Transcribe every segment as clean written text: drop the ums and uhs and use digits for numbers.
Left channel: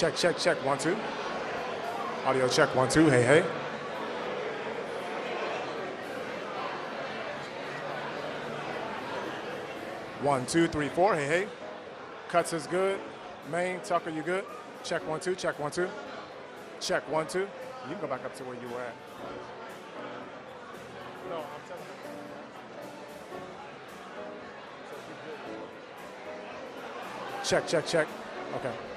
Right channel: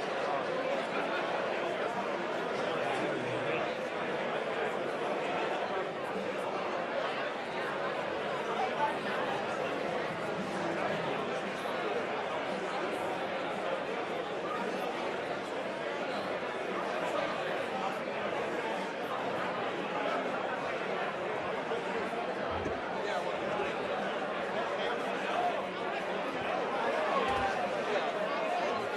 Check, check, check. 1, 2. Audio check. 1, 2. Hey, hey. One, 2, 3, 4. Hey, hey. Cuts is good. Main, Tucker, you good? Check 1, 2. Check 1, 2. Check 1, 2. You can go back up to where you did that. Check, check, check. Okay.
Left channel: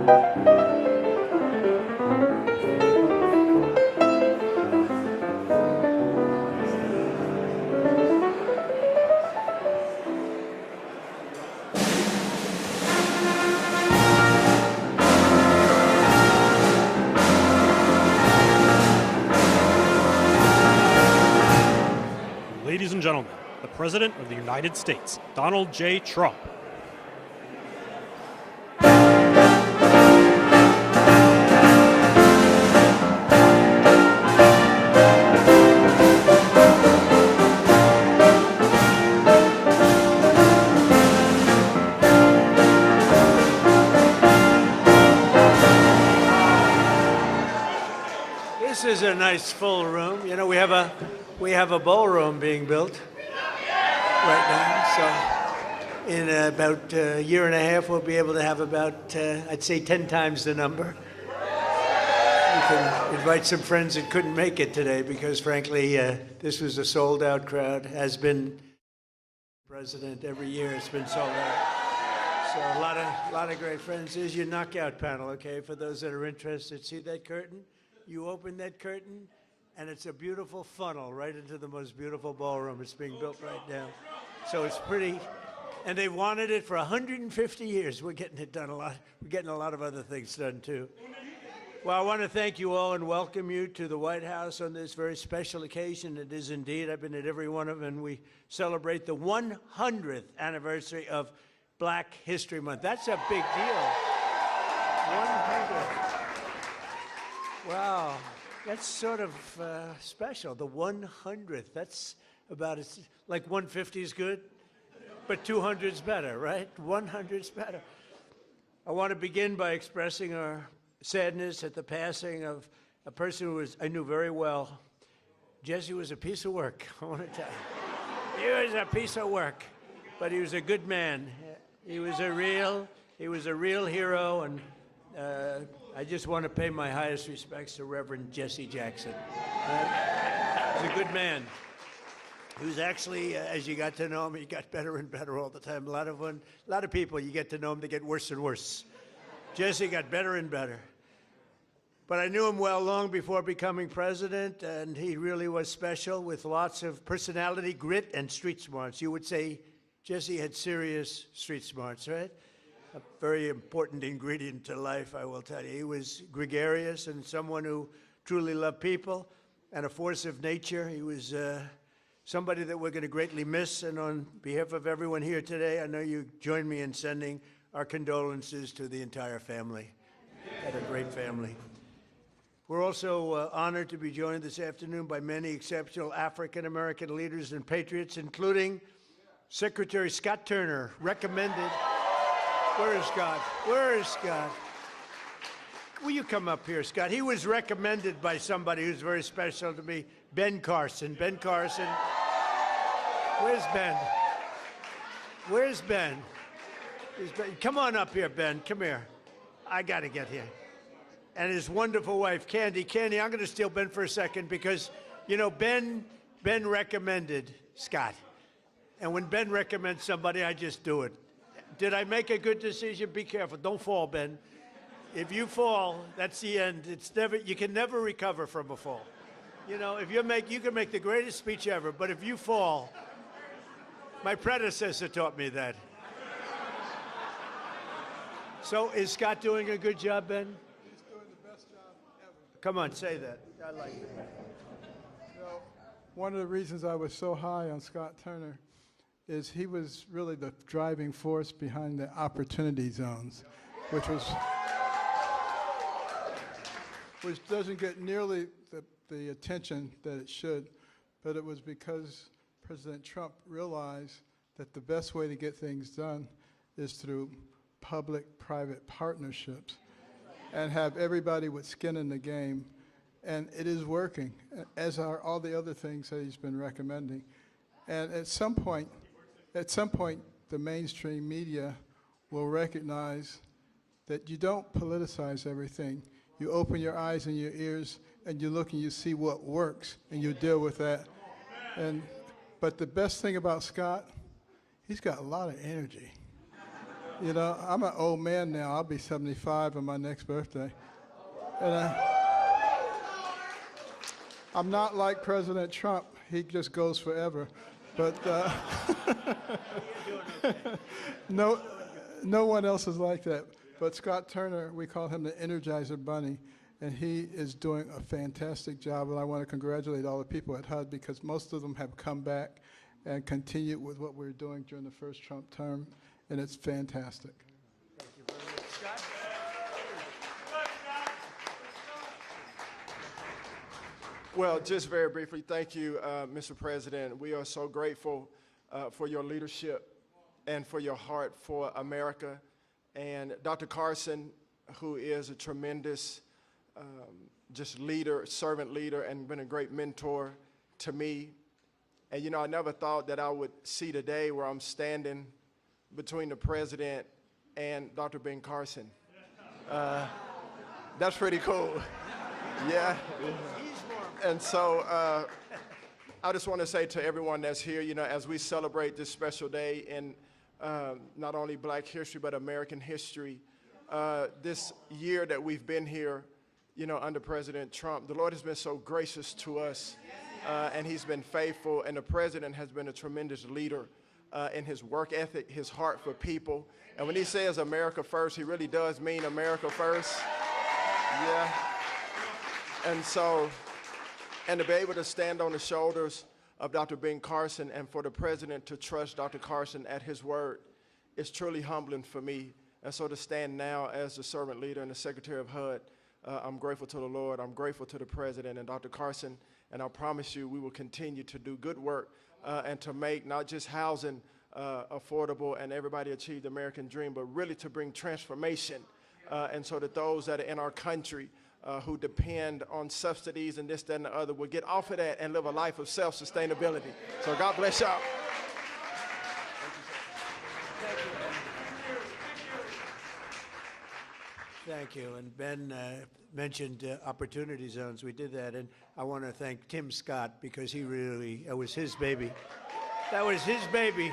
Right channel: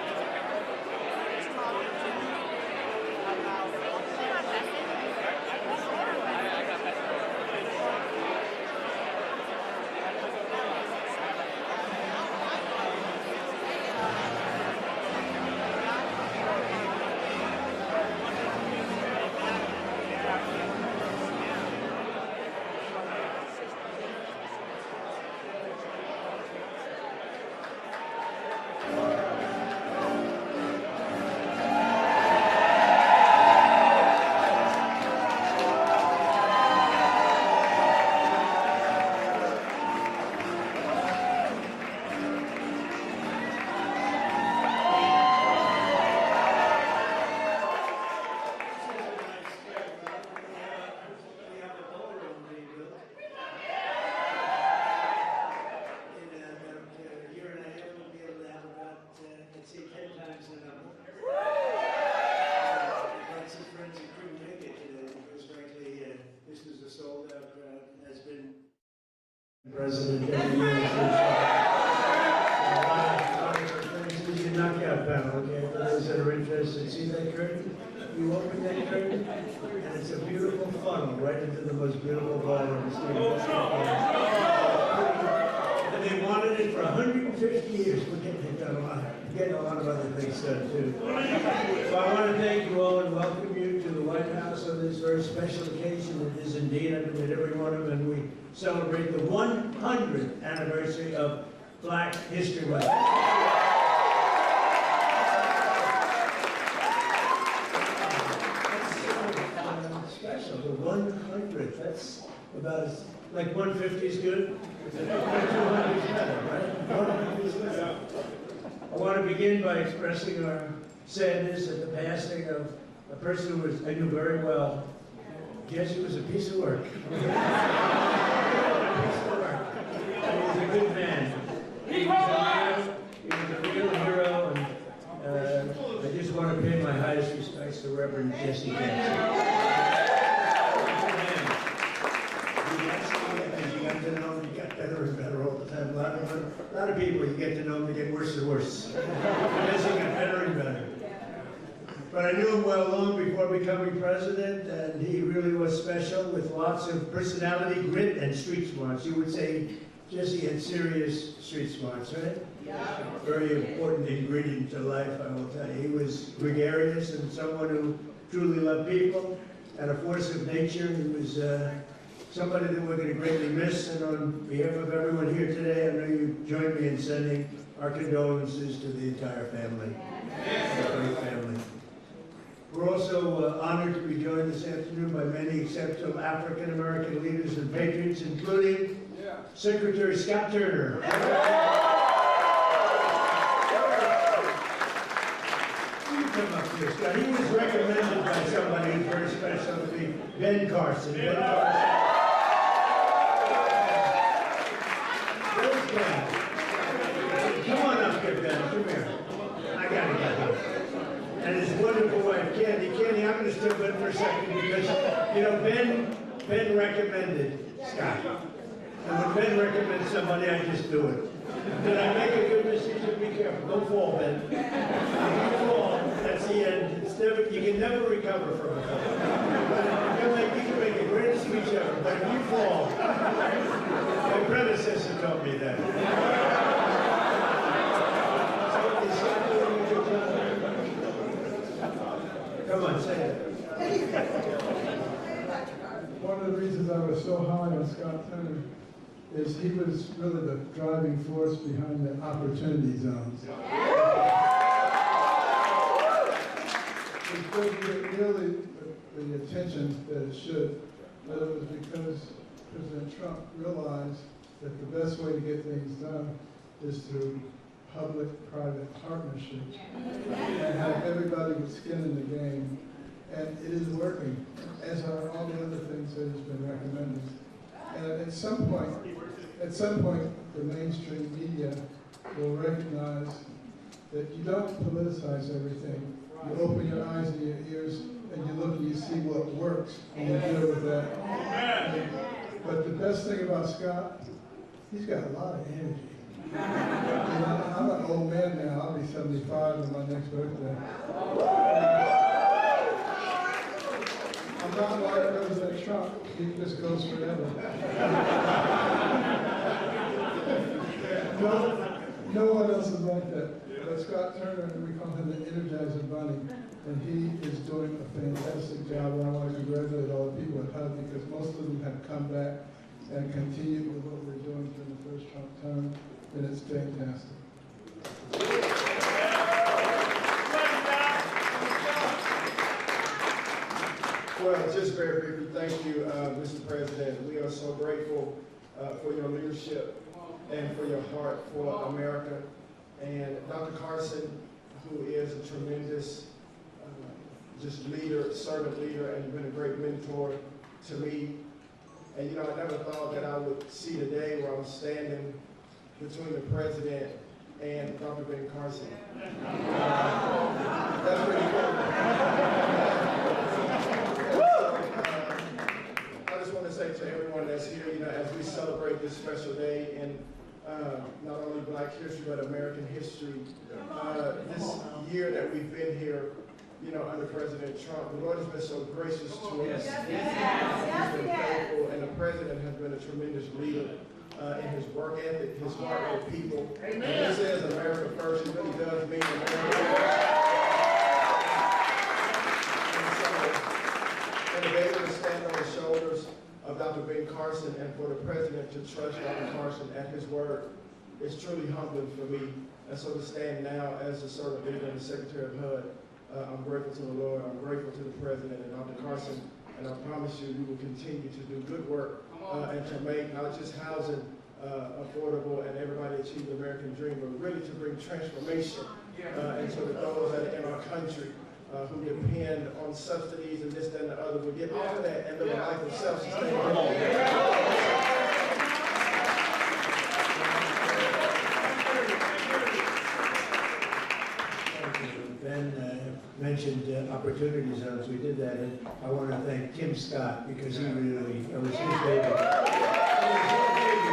Ladies and gentlemen, the President of the United States, Donald J. Trump. This is a nice full room. You know, we have a ballroom being built right now. So in about a year and a half, we'll be able to have about, I'd say, 10 times the number. You can invite some friends that couldn't make it today because, frankly, this was a sold-out crowd. Has been president every year. Has been sold out. So a lot of great friends. This is your knockout panel, okay? For those that are interested, see that curtain? You open that curtain, and it's a beautiful funnel right into the most beautiful ballroom. So it's pretty, and they wanted it for 150 years. We're getting it done a lot, getting a lot of other things done too. Well, I want to thank you all and welcome you to the White House on this very special occasion. It is indeed, I've been at every one of them, and we celebrate the 100th anniversary of Black History Month. That's a big deal. Special, the 100th. That's about as, like 150 is good, but 200 is better, right? 100 is better. I want to begin by expressing our sadness at the passing of a person who I knew very well. Jesse was a piece of work. He was a piece of work, but he was a good man. He was a real hero, and I just want to pay my highest respects to Reverend Jesse Jackson. A good man. He's actually, as you got to know him, he got better and better all the time. A lot of people, you get to know them, they get worse and worse. Jesse got better and better. But I knew him well long before becoming president, and he really was special with lots of personality, grit, and street smarts. You would say Jesse had serious street smarts, right? Yeah. Very important ingredient to life, I will tell you. He was gregarious and someone who truly loved people. And a force of nature. He was somebody that we're going to greatly miss. And on behalf of everyone here today, I know you join me in sending our condolences to the entire family. Great family. We're also honored to be joined this afternoon by many exceptional African American leaders and patriots, including Secretary Scott Turner. Where is Scott? Where is Scott? Will you come up here, Scott? He was recommended by somebody who's very special to me, Ben Carson. Ben Carson. Where's Ben? Where's Ben? Come on up here, Ben. Come here. I gotta get him. And his wonderful wife, Candy. Candy, I'm gonna steal Ben for a second because, you know, Ben recommended Scott. And when Ben recommends somebody, I just do it. Did I make a good decision? Be careful. Don't fall, Ben. If you fall, that's the end. It's never, you can never recover from a fall. You can make the greatest speech ever, but if you fall, my predecessor taught me that. So is Scott doing a good job there? Come on, say it. One of the reasons I was so high on Scott Turner is he was really the driving force behind the opportunity zones, which it doesn't get nearly the attention that it should, but it was because President Trump realized that the best way to get things done is through public-private partnerships and have everybody with skin in the game, and it is working, as are all the other things that he's been recommending. And at some point, the mainstream media will recognize that you don't politicize everything. You open your eyes and your ears, and you look and you see what works, and you deal with that. But the best thing about Scott, he's got a lot of energy. You know, I'm an old man now. I'll be 75 on my next birthday. I'm not like President Trump. He just goes forever. But, no one else is like that. But Scott Turner, we call him the Energizer Bunny, and he is doing a fantastic job. And I want to congratulate all the people at HUD because most of them have come back and continued with what we were doing during the first Trump term, and it's fantastic. Well, just very briefly, thank you, Mr. President. We are so grateful for your leadership and for your heart for America. And Dr. Carson, who is a tremendous just leader, servant leader, and been a great mentor to me. And you know, I never thought that I would see the day where I'm standing between the president and Dr. Ben Carson. That's pretty cool. Yeah. And so I just want to say to everyone that's here, you know, as we celebrate this special day in not only Black history, but American history, this year that we've been here, you know, under President Trump, the Lord has been so gracious to us, and he's been faithful, and the president has been a tremendous leader in his work ethic, his heart for people. And when he says America first, he really does mean America first. And so, and to be able to stand on the shoulders of Dr. Ben Carson and for the president to trust Dr. Carson at his word is truly humbling for me. And so to stand now as a servant leader and the Secretary of HUD, I'm grateful to the Lord, I'm grateful to the President and Dr. Carson, and I promise you we will continue to do good work and to make not just housing affordable and everybody achieve the American dream, but really to bring transformation and so that those that are in our country who depend on subsidies and this, that, and the other will get off of that and live a life of self-sustainability. So God bless y'all. Mentioned opportunity zones. We did that, and I want to thank Tim Scott because he really, that was his baby. That was his baby,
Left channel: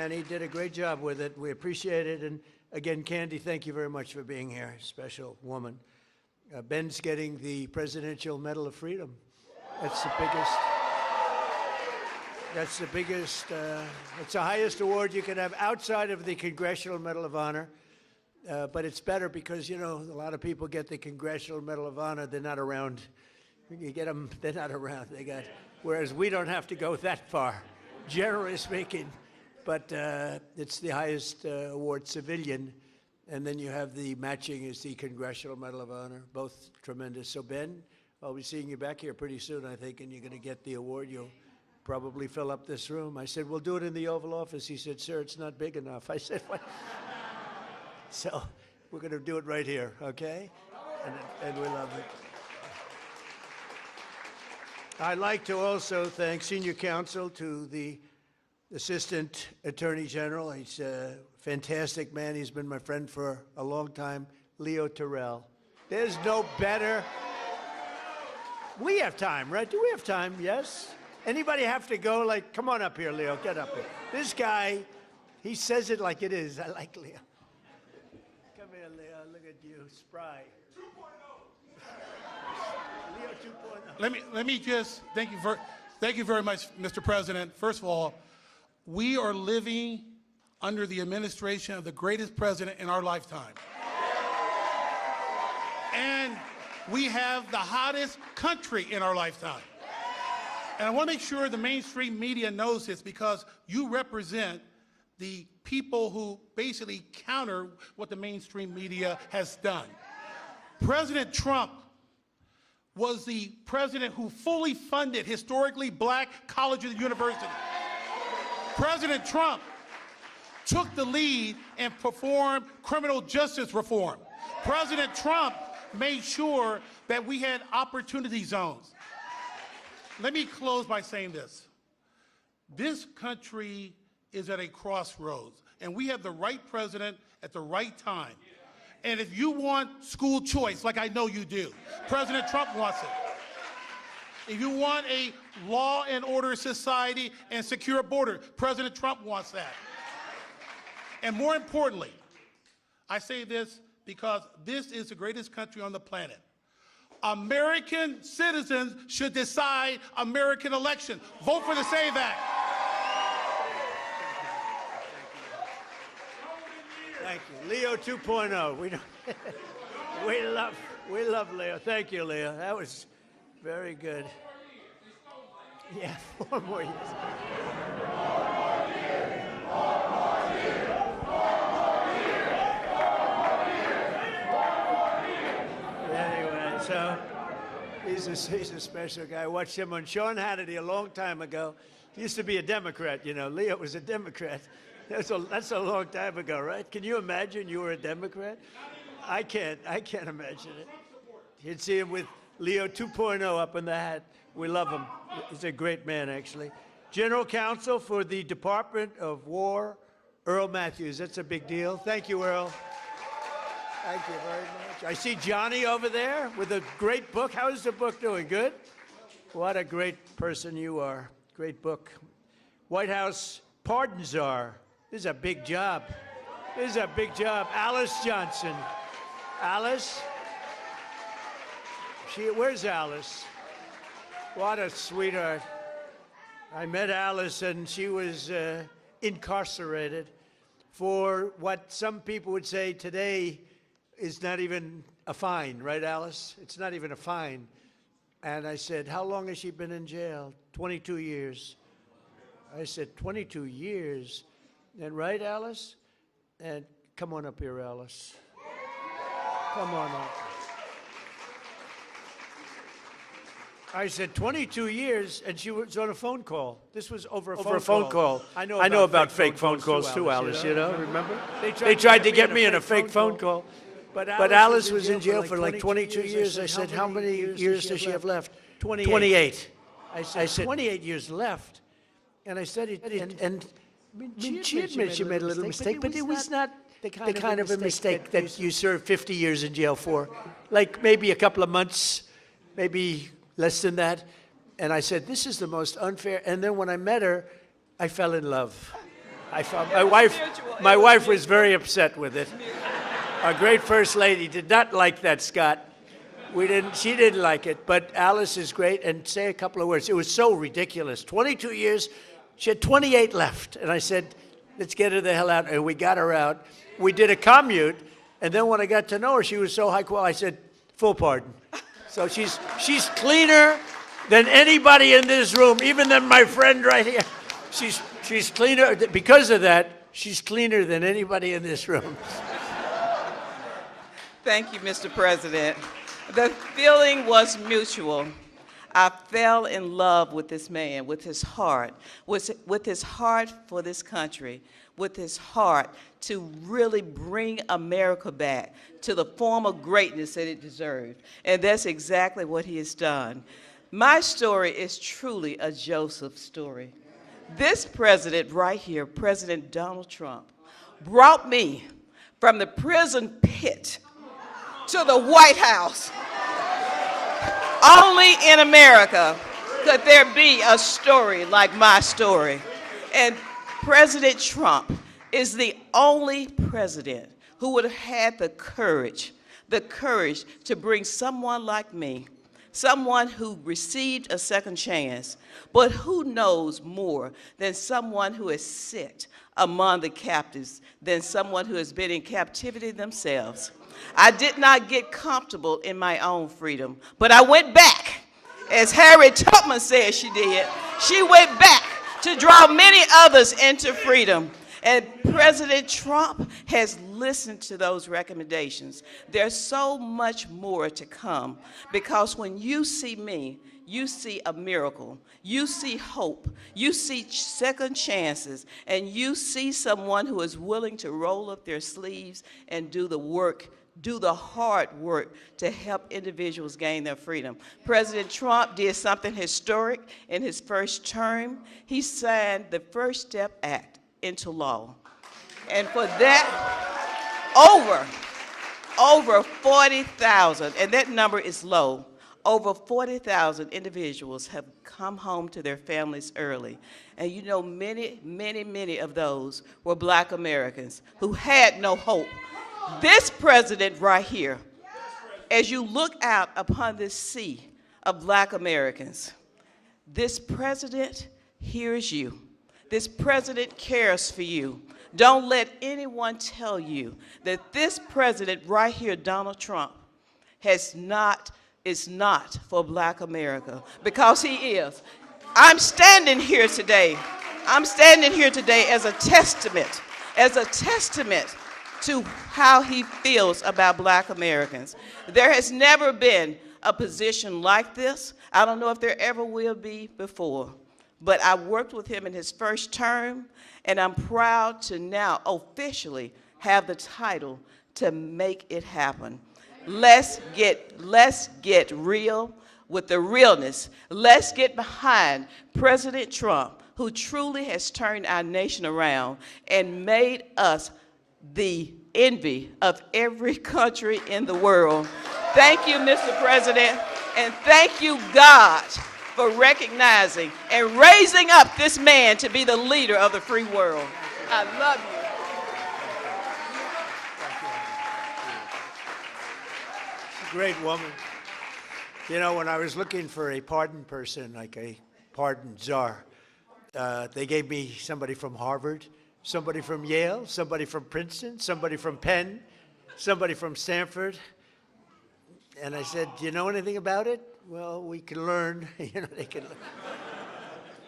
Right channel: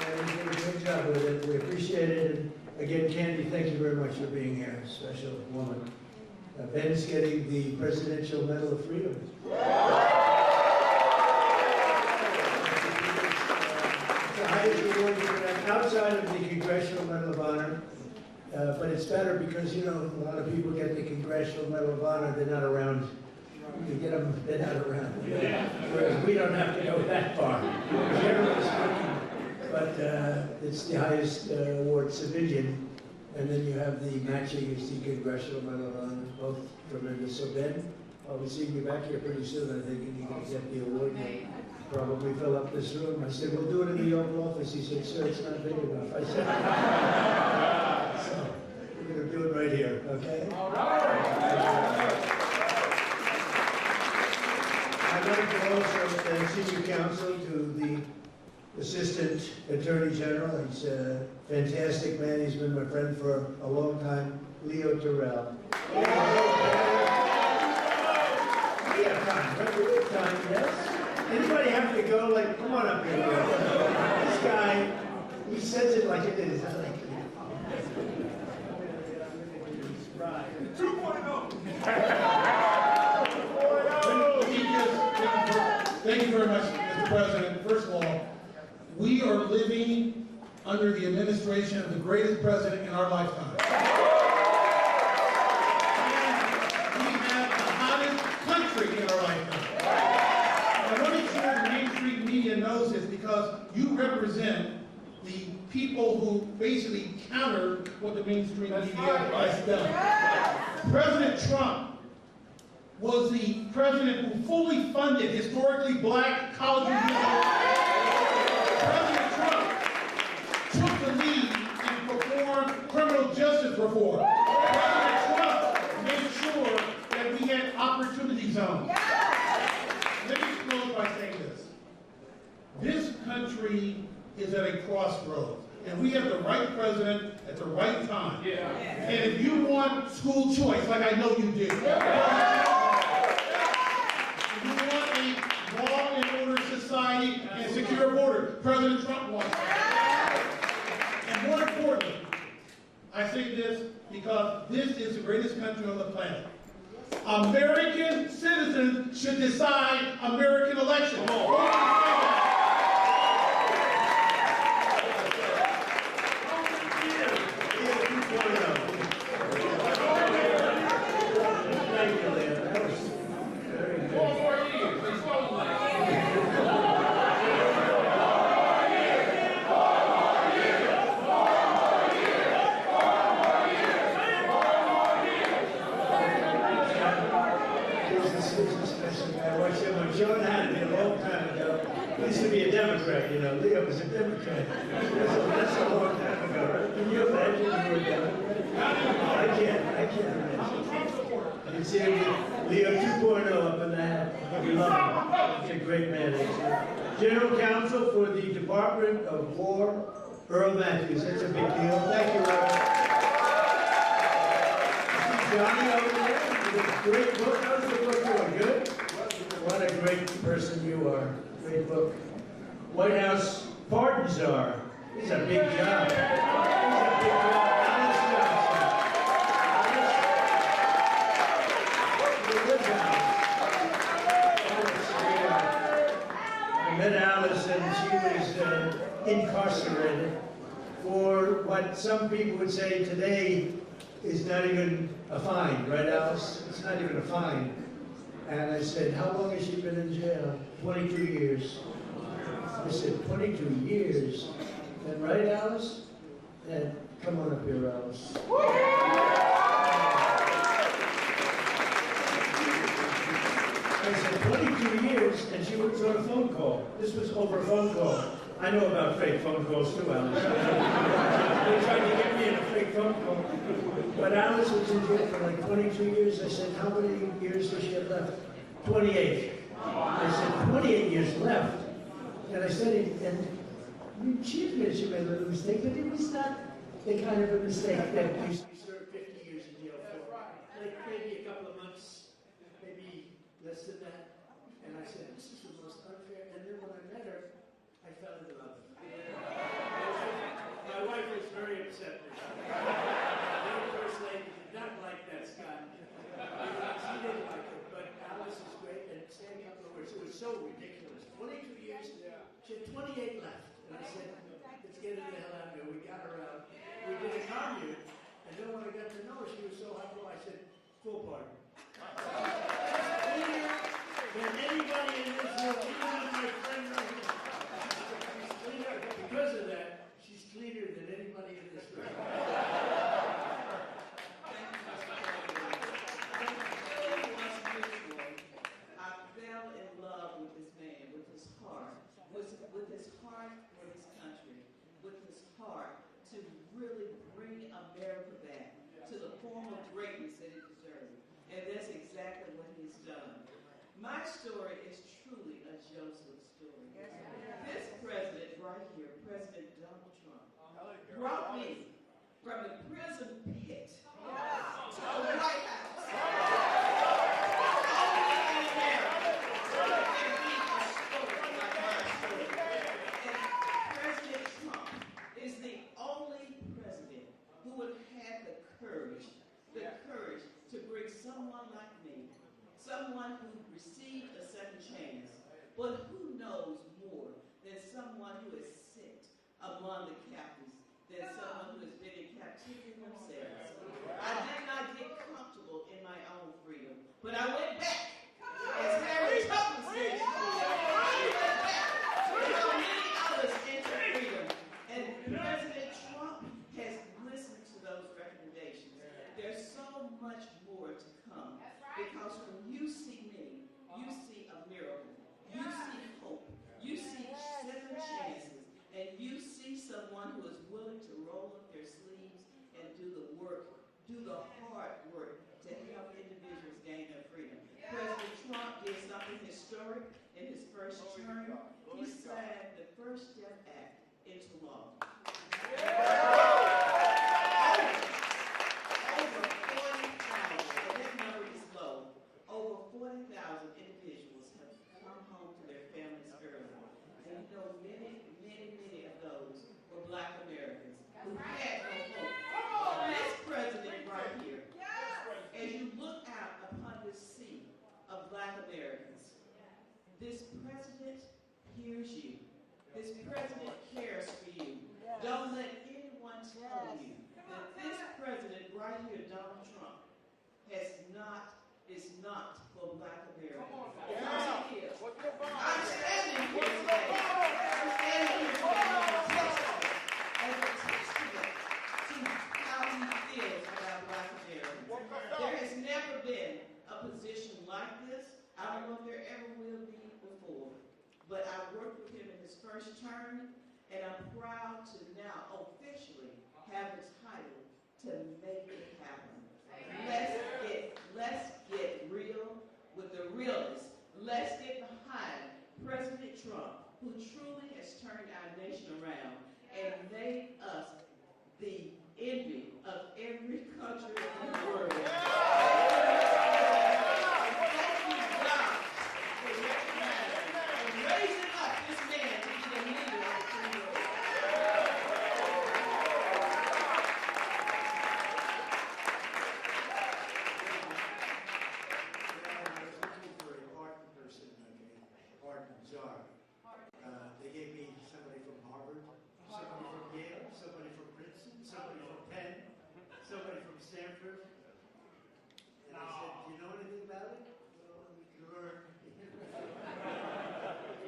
and he did a great job with it. We appreciate it, and again, Candy, thank you very much for being here. Special woman. Ben's getting the Presidential Medal of Freedom. That's the biggest. It's the highest award you can have outside of the Congressional Medal of Honor. But it's better because, you know, a lot of people get the Congressional Medal of Honor, they're not around. You get them, they're not around. Whereas we don't have to go that far, generally speaking. But it's the highest award, civilian. And then you have the matching is the Congressional Medal of Honor, both tremendous. So Ben, I'll be seeing you back here pretty soon, I think, and you're going to get the award. You'll probably fill up this room. I said, we'll do it in the Oval Office. He said, sir, it's not big enough. I said, so we're going to do it right here, okay? All right. I'd like to also thank Senior Counsel to the Assistant Attorney General. He's a fantastic man. He's been my friend for a long time, Leo Terrell. There's no better. We have time, right? Do we have time? Yes? Anybody have to go? Like, come on up here, Leo. This guy, he says it like it is. I like it. Let me just thank you very much, Mr. President. First of all, we are living under the administration of the greatest president in our lifetime. And we have the hottest country in our lifetime. And I want to make sure the Main Street media knows this because you represent the people who basically counter what the Main Street media has done. President Trump was the president who fully funded historically Black colleges and universities. President Trump took the lead and performed criminal justice reform. President Trump made sure that we had opportunity zones. Let me close by saying this. This country is at a crossroads, and we have the right president at the right time. And if you want school choice, like I know you do, President Trump wants it. If you want a law and order society and secure border, President Trump wants that. And more importantly, I say this because this is the greatest country on the planet. American citizens should decide American elections. Vote for to say that. Leo 2.0. Lovely. Thank you, Leo. That was very good. He's a special guy. I watched him on Sean Hannity a long time ago. He used to be a Democrat, you know. Leo was a Democrat. That's a long time ago, right? Can you imagine you were a Democrat? I can't imagine. You'd see him with Leo 2.0 up in the hat. We love him. He's a great man. General Counsel for the Department of War, Earl Matthews. That's a big deal. Thank you, Earl. I see Johnny over there with a great book. How's the book doing? Good? What a great person you are. Great book. White House Pardon Czar. This is a big job. This is a big job. Alice Johnson. Alice? Where's Alice? What a sweetheart. I met Alice and she was incarcerated for what some people would say today is not even a fine, right, Alice? It's not even a fine. And I said, how long has she been in jail? 22 years. I said, 22 years. And right, Alice? And come on up here, Alice. I said, 22 years, and she was on a phone call. This was over a phone call. I know about fake phone calls too, Alice, you know? They tried to get me in a fake phone call. But Alice was in jail for like 22 years. I said, how many years does she have left? 28. I said, 28 years left. And I said, and she admitted she made a little mistake, but it was not the kind of a mistake that you serve 50 years in jail for. Like maybe a couple of months, maybe less than that. And I said, this is the most unfair. And then when I met her, I fell in love. My wife was very upset with it. Our great First Lady did not like that, Scott. She didn't like it, but Alice is great, and say a couple of words. It was so ridiculous. 22 years, she had 28 left. And I said, let's get her the hell out. And we got her out. We did a commute, and then when I got to know her, she was so high quality, I said, full pardon. So she's cleaner than anybody in this room, even than my friend right here. She's cleaner. Because of that, she's cleaner than anybody in this room. Thank you, Mr. President. The feeling was mutual. I fell in love with this man, with his heart for this country, with his heart to really bring America back to the form of greatness that it deserved. And that's exactly what he has done. My story is truly a Joseph story. This president right here, President Donald Trump, brought me from the prison pit to the White House. Only in America could there be a story like my story. And President Trump is the only president who would have had the courage to bring someone like me, someone who received a second chance, but who knows more than someone who has sit among the captives, than someone who has been in captivity themselves. I did not get comfortable in my own freedom, but I went back, as Harriet Tubman said she did. She went back to draw many others into freedom. And President Trump has listened to those recommendations. There's so much more to come, because when you see me, you see a miracle. You see hope. You see second chances. And you see someone who is willing to roll up their sleeves and do the work, do the hard work to help individuals gain their freedom. President Trump did something historic in his first term. He signed the First Step Act into law. And for that, over 40,000, and that number is low, over 40,000 individuals have come home to their families early. And you know, many, many, many of those were Black Americans who had no hope. This president right here, as you look out upon this sea of Black Americans, this president hears you. This president cares for you. Don't let anyone tell you that this president right here, Donald Trump, is not for Black America, because he is. I'm standing here today as a testament to how he feels about Black Americans. There has never been a position like this. I don't know if there ever will be before, but I worked with him in his first term, and I'm proud to now officially have the title to make it happen. Let's get real with the realness. Let's get behind President Trump, who truly has turned our nation around and made us the envy of every country in the world. Thank you, Mr. President, and thank you, God, for recognizing and raising up this man to be the leader of the free world. I love you. Great woman. You know, when I was looking for a pardon person, like a pardon czar, they gave me somebody from Harvard, somebody from Yale, somebody from Princeton, somebody from Penn, somebody from Stanford. And I said, do you know anything about it? Well, we can learn. You know, they can learn.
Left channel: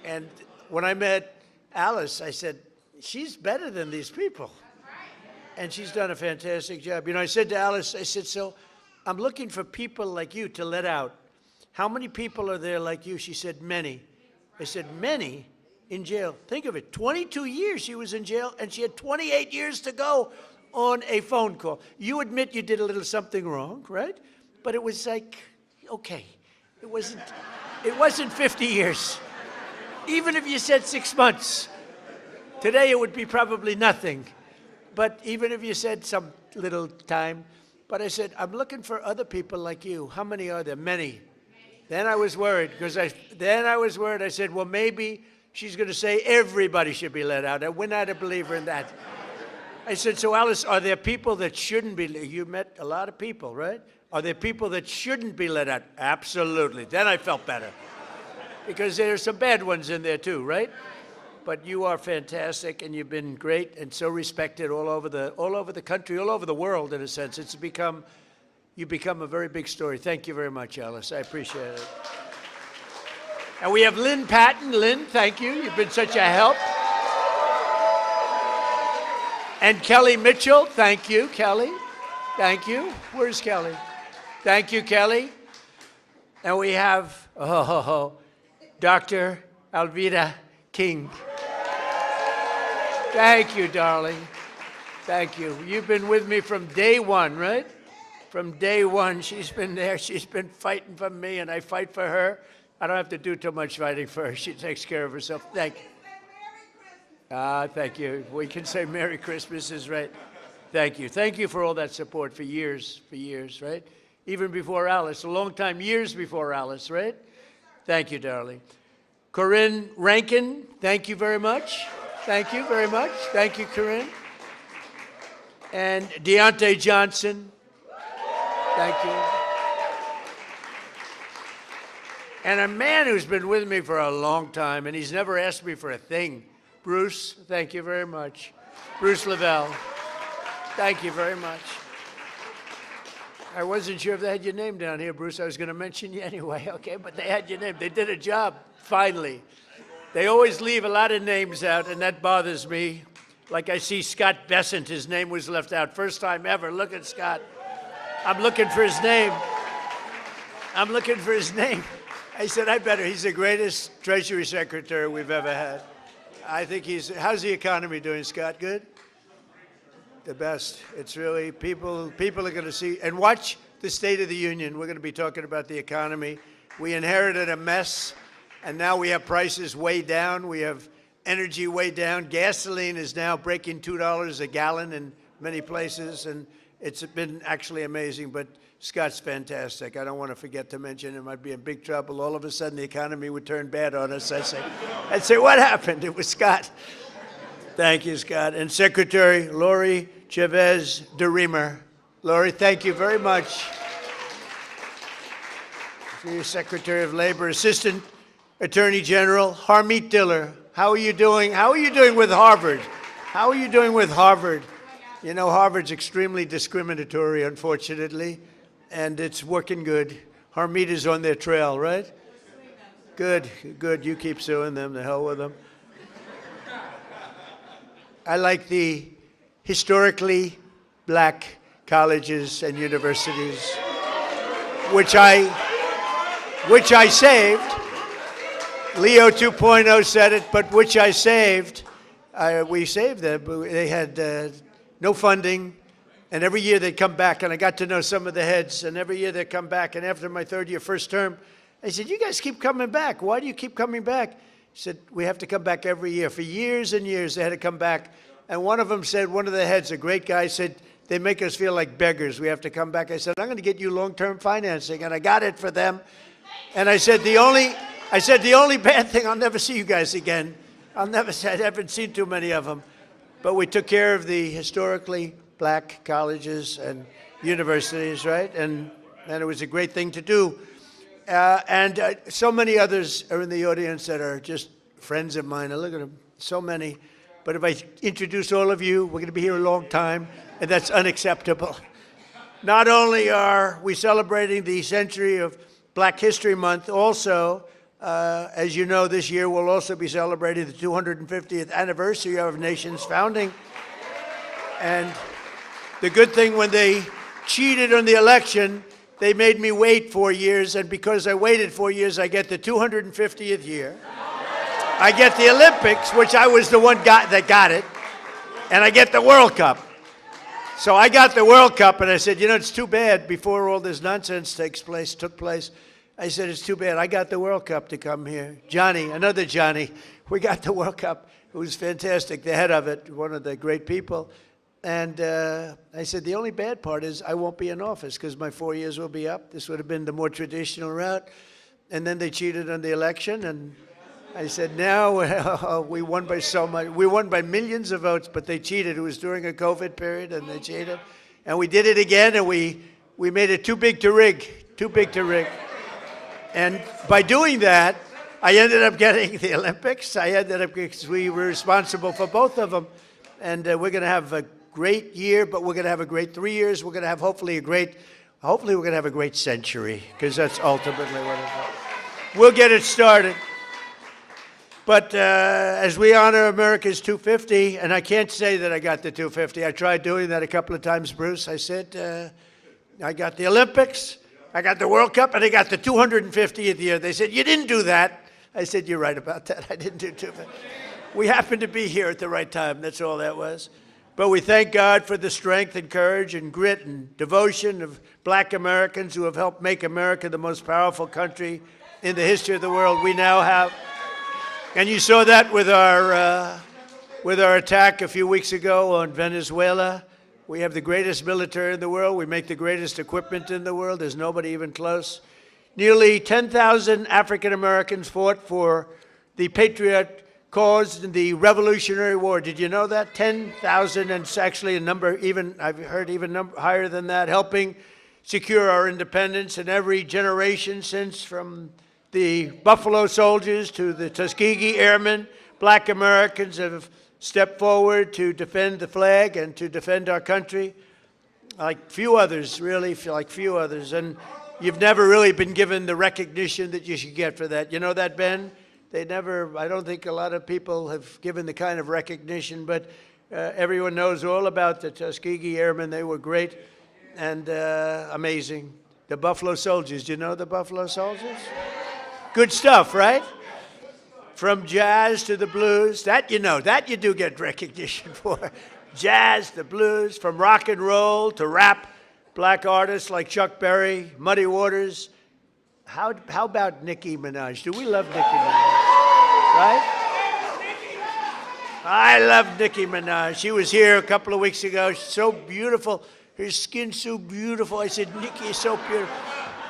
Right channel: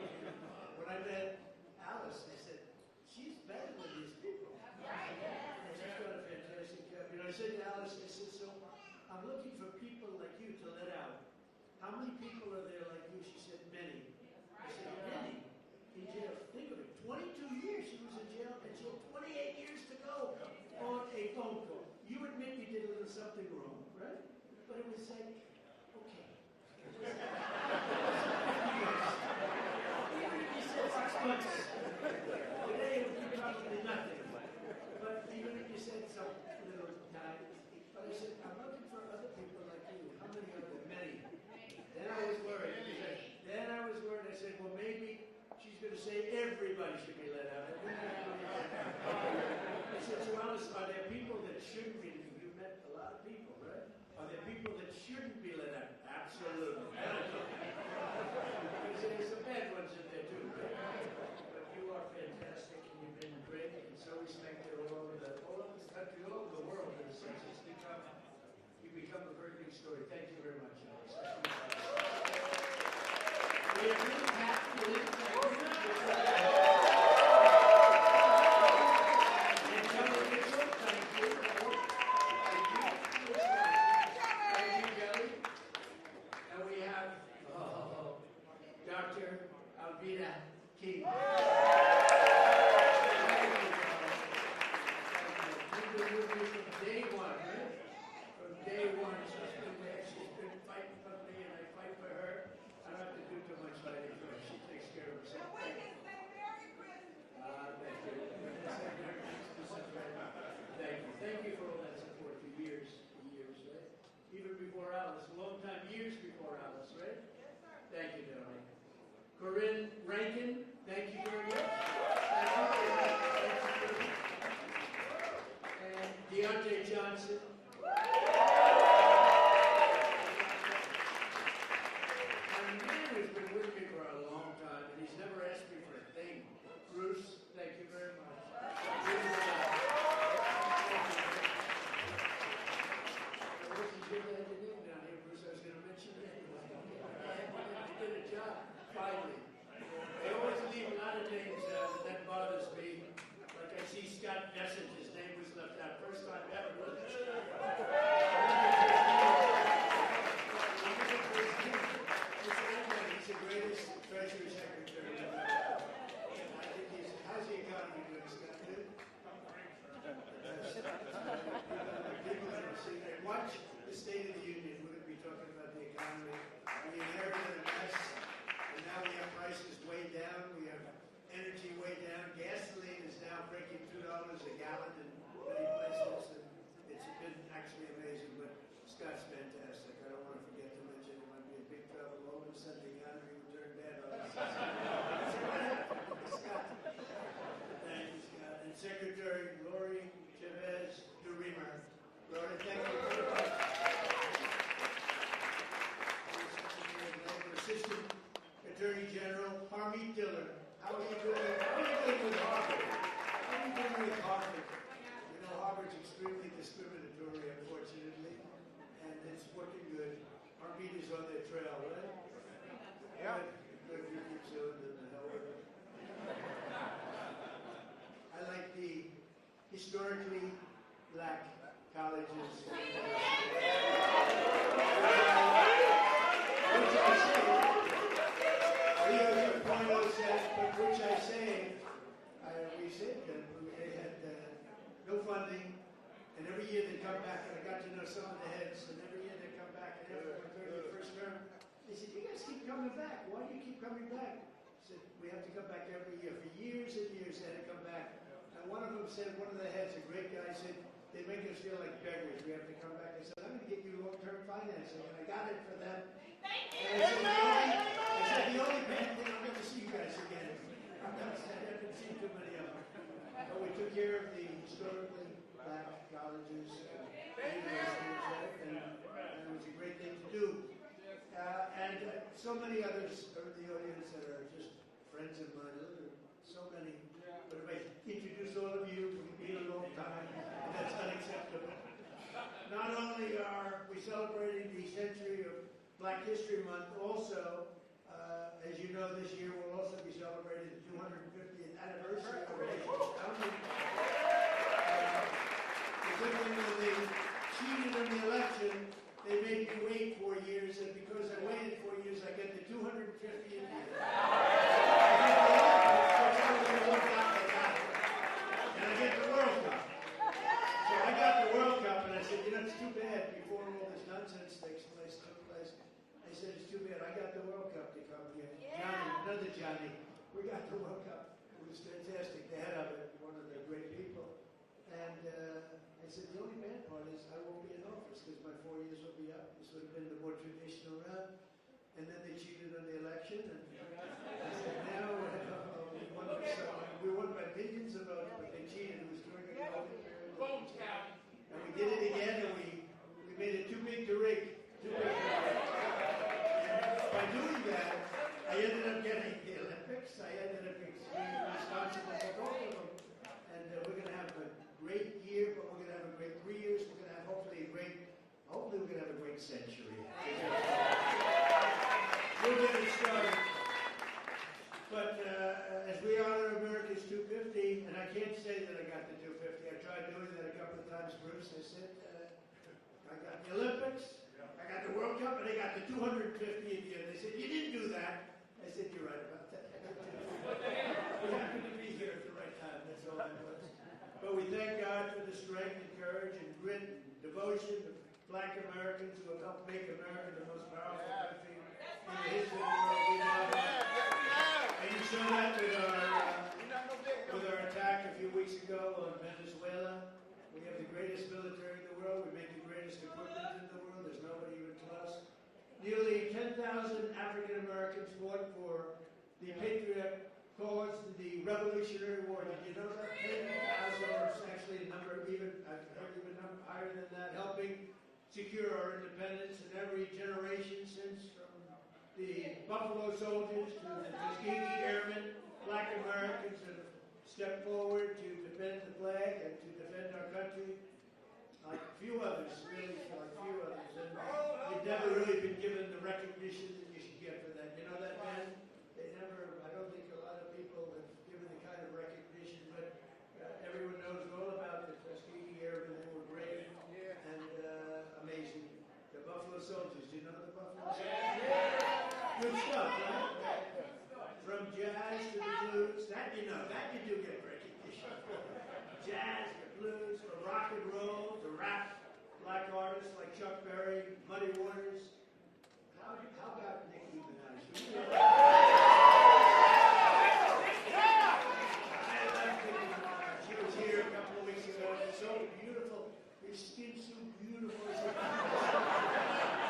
And when I met Alice, I said, she's better than these people. And she's done a fantastic job. You know, I said to Alice, I said, so I'm looking for people like you to let out. How many people are there like you? She said, many. I said, many in jail? Think of it, 22 years she was in jail, and she had 28 years to go on a phone call. You admit you did a little something wrong, right? But it was like, okay, it wasn't 50 years. Even if you said 6 months, today it would be probably nothing. But even if you said some little time, but I said, I'm looking for other people like you. How many are there? Many. Then I was worried, because I said, well, maybe she's going to say everybody should be let out. We're not a believer in that. I said, so Alice, are there people that shouldn't be? You met a lot of people, right? Are there people that shouldn't be let out? Absolutely. Then I felt better, because there's some bad ones in there too, right? But you are fantastic, and you've been great and so respected all over the country, all over the world, in a sense. You've become a very big story. Thank you very much, Alice. I appreciate it. And we have Lynn Patton. Lynn, thank you. You've been such a help. And Kelly Mitchell, thank you, Kelly. Thank you. Where's Kelly? Thank you, Kelly. And we have Dr. Alveda King. Thank you, darling. Thank you. You've been with me from day one, right? From day one, she's been there. She's been fighting for me, and I fight for her. I don't have to do too much fighting for her. She takes care of herself. Thank you. Thank you. We can say Merry Christmas is right. Thank you. Thank you for all that support for years, right? Even before Alice, a long time, years before Alice, right? Thank you, darling. Corinne Rankin, thank you very much. Thank you very much. Thank you, Corinne. And Deontay Johnson, thank you. And a man who's been with me for a long time, and he's never asked me for a thing. Bruce, thank you very much. Bruce Lavelle, thank you very much. I wasn't sure if they had your name down here, Bruce. I was going to mention you anyway, okay? But they had your name. They did a job, finally. They always leave a lot of names out, and that bothers me. Like I see Scott Bessent, his name was left out. First time ever. Look at Scott. I'm looking for his name. I'm looking for his name. I said, I better. He's the greatest Treasury Secretary we've ever had. I think he's, how's the economy doing, Scott? Good? The best. It's really, people are going to see, and watch the State of the Union. We're going to be talking about the economy. We inherited a mess, and now we have prices way down. We have energy way down. Gasoline is now breaking $2 a gallon in many places, and it's been actually amazing. But Scott's fantastic. I don't want to forget to mention him. I'd be in big trouble. All of a sudden, the economy would turn bad on us. I'd say, what happened? It was Scott. Thank you, Scott. And Secretary Lori Chavez DeRemer. Lori, thank you very much. To Secretary of Labor, Assistant Attorney General Harmeet Diller. How are you doing? How are you doing with Harvard? How are you doing with Harvard? You know, Harvard's extremely discriminatory, unfortunately, and it's working good. Harmeet is on their trail, right? Good, good. You keep suing them. The hell with them. I like the historically black colleges and universities, which I saved. Leo 2.0 said it, but which I saved. We saved them. They had no funding, and every year they'd come back, and I got to know some of the heads, and every year they'd come back, and after my third year, first term, I said, you guys keep coming back. Why do you keep coming back? He said, we have to come back every year. For years and years, they had to come back, and one of them said, one of the heads, a great guy, said, they make us feel like beggars. We have to come back. I said, I'm going to get you long-term financing, and I got it for them. And I said, the only bad thing, I'll never see you guys again. I haven't seen too many of them. But we took care of the historically black colleges and universities, right? And it was a great thing to do. So many others are in the audience that are just friends of mine. Look at them, so many. But if I introduce all of you, we're going to be here a long time, and that's unacceptable. Not only are we celebrating the century of Black History Month, also, as you know, this year we'll also be celebrating the 250th anniversary of our nation's founding. And the good thing, when they cheated on the election, they made me wait 4 years, and because I waited 4 years, I get the 250th year. I get the Olympics, which I was the one that got it, and I get the World Cup. So I got the World Cup, and I said, you know, it's too bad before all this nonsense took place. I said, it's too bad. I got the World Cup to come here. Johnny, another Johnny, we got the World Cup. It was fantastic, the head of it, one of the great people. And I said, the only bad part is I won't be in office because my 4 years will be up. This would have been the more traditional route. And then they cheated on the election, and I said, now we won by so much. We won by millions of votes, but they cheated. It was during a COVID period, and they cheated. And we did it again, and we made it too big to rig, too big to rig. And by doing that, I ended up getting the Olympics. Because we were responsible for both of them. And we're going to have a great year, but we're going to have a great 3 years. We're going to have hopefully we're going to have a great century, because that's ultimately what it is. We'll get it started. But as we honor America's 250, and I can't say that I got the 250. I tried doing that a couple of times, Bruce. I said, I got the Olympics, I got the World Cup, and I got the 250th year. They said, you didn't do that. I said, you're right about that. I didn't do 250. We happened to be here at the right time. That's all that was. But we thank God for the strength and courage and grit and devotion of black Americans who have helped make America the most powerful country in the history of the world we now have. And you saw that with our attack a few weeks ago on Venezuela. We have the greatest military in the world. We make the greatest equipment in the world. There's nobody even close. Nearly 10,000 African Americans fought for the Patriot cause in the Revolutionary War. Did you know that? 10,000, and it's actually a number even, I've heard even higher than that, helping secure our independence in every generation since, from the Buffalo Soldiers to the Tuskegee Airmen. Black Americans have stepped forward to defend the flag and to defend our country like few others, really, like few others. And you've never really been given the recognition that you should get for that. You know that, Ben? I don't think a lot of people have given the kind of recognition, but everyone knows all about the Tuskegee Airmen. They were great and amazing. The Buffalo Soldiers, do you know the Buffalo Soldiers? Good stuff, right? From jazz to the blues, that you know, that you do get recognition for. Jazz, the blues, from rock and roll to rap, black artists like Chuck Berry, Muddy Waters. How about Nicki Minaj? Do we love Nicki Minaj? Right? I love Nicki Minaj. She was here a couple of weeks ago. She's so beautiful. Her skin's so beautiful. I said, Nikki is so beautiful.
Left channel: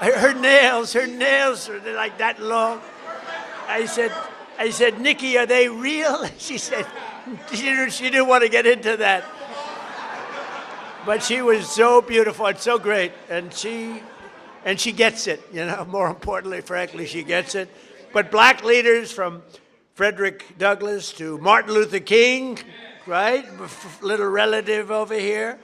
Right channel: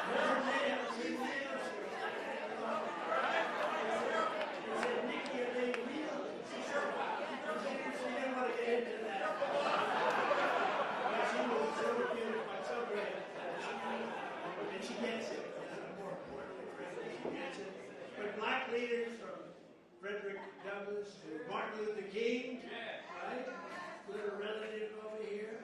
Her nails are like that long. I said, Nikki, are they real? She said, she didn't want to get into that. But she was so beautiful and so great, and she gets it, you know, more importantly, frankly, she gets it. But black leaders from Frederick Douglass to Martin Luther King, right, little relative over here,